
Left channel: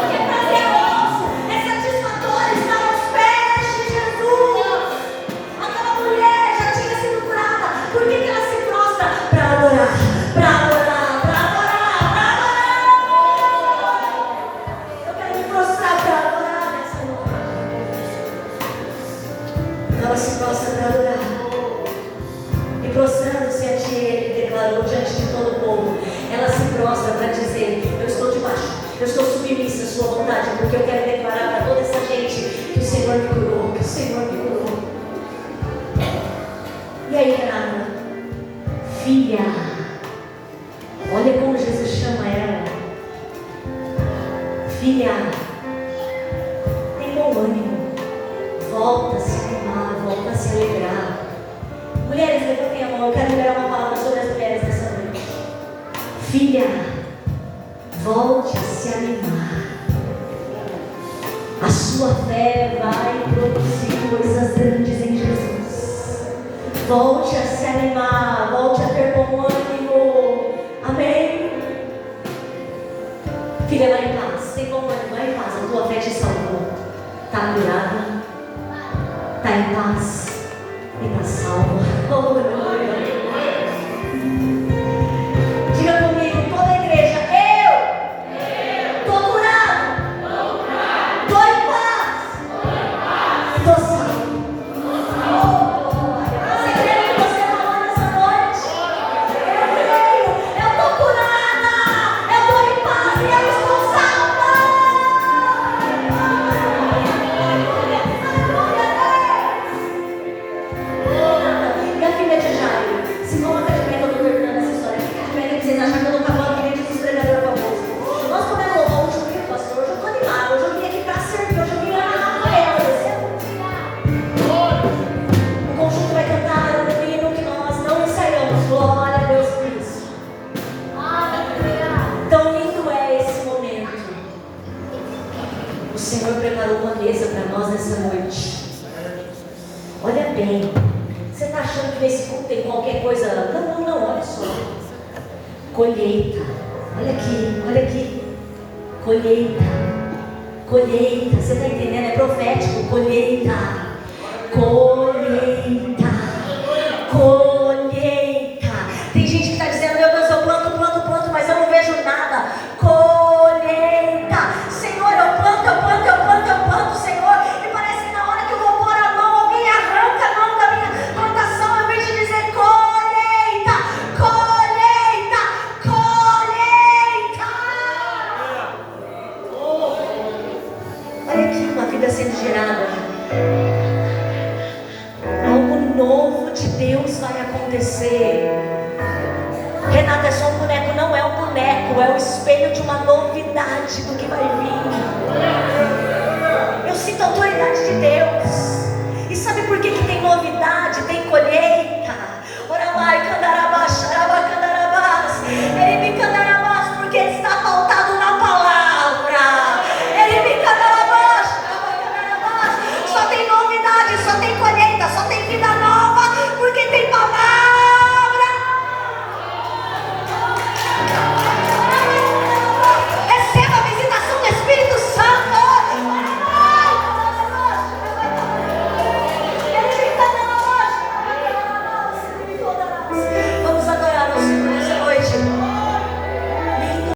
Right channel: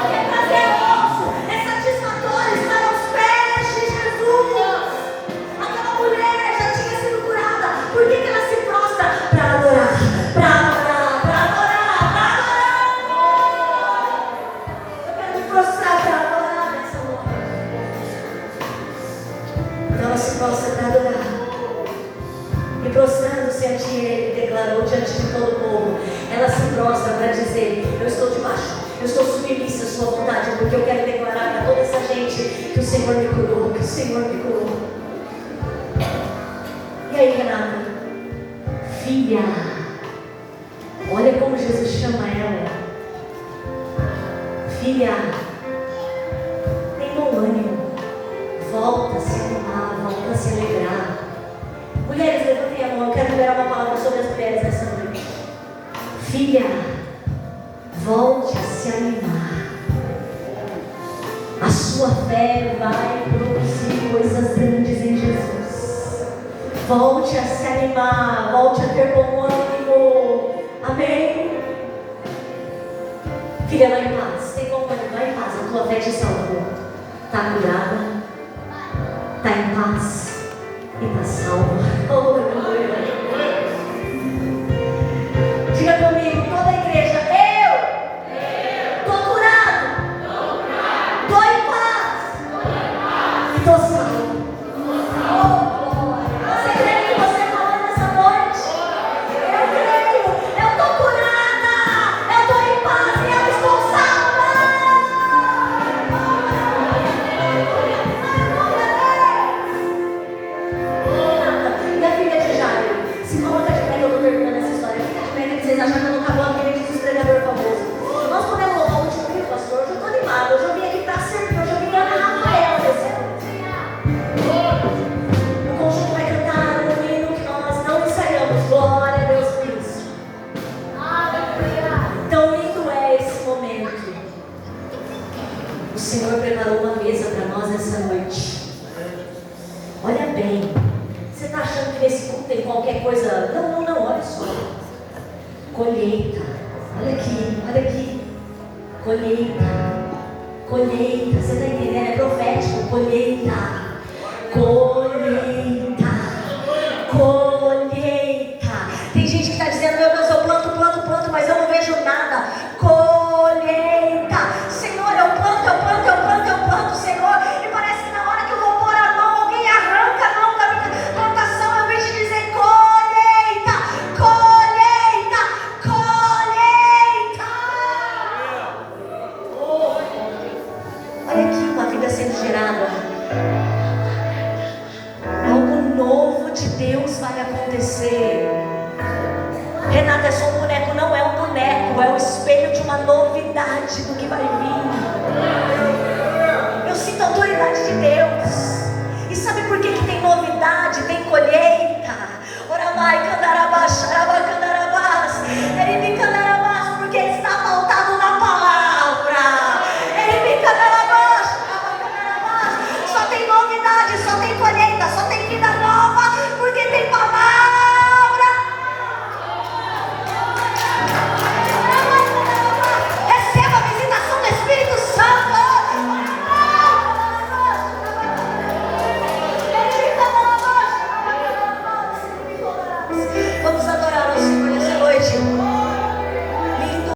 Que é prazeroso, é satisfatório estar aos pés de Jesus. Aquela mulher já tinha sido curada. Por que ela se prostra? Para adorar, para adorar, para adorar, para adorar. Eu quero me prostrar para adorar nessa noite. Então ela se prostra para adorar. E prostrando-se ante ele, declarou diante de todo o povo. Ela se prostra para dizer: eu estou debaixo, eu estou submissa à sua vontade, porque eu quero declarar para toda essa gente que o Senhor me curou, que o Senhor me curou. E aí, Renata? Filha, olha como Jesus chama ela. Filha, tem bom ânimo, volta a se animar, volta a se alegrar. Mulheres, levantem a mão, eu quero liberar uma palavra sobre as mulheres nessa noite. Filha, volte a se animar. A sua sua fé vai produzir coisas grandes em Jesus. Volte a se animar, volte a ter bom ânimo. Amém? Filha, vai em paz. Tem bom ânimo, vai em paz. A tua fé te salvou. Está curada, está em paz e está salvo. Aleluia. Diga comigo, toda a igreja, eu estou curado, estou em paz, estou salvo. Você crê que você falou nessa noite? Eu creio, eu estou curada, eu estou em paz e eu estou salva. Minha filha de Jairo, se coloca de pé que eu estou terminando essa história. Fica de pé que vocês acham que eu não acabou a vida dos pregadores famosos. Nós podemos louvar o último grito, pastor. Hoje eu estou animado, hoje eu vim aqui para servir, hoje eu vim Ana Rafael, o conjunto vai cantar um hino que nós não ensaiamos. Glória a Deus por isso. Tão lindo é esse momento. O Senhor preparou uma mesa para nós nessa noite. Olha bem, você está achando que nesse culto tem qualquer coisa? Não, olha só. Colheita, olha aqui. Colheita, você está entendendo? É profético. Colheita. Tem gente que está dizendo, meu Deus, eu planto, mas eu não vejo nada. Colheita. Senhor, eu planto, Senhor, e parece que na hora que eu vou pôr a mão, alguém arranca a mão da minha plantação, ao invés de dizer colheita. Olha aqui uma vida sendo gerada. Algo novo de Deus vai acontecer. Renata, é só um boneco? Não é um boneco, é o espelho de uma novidade do que vai vir.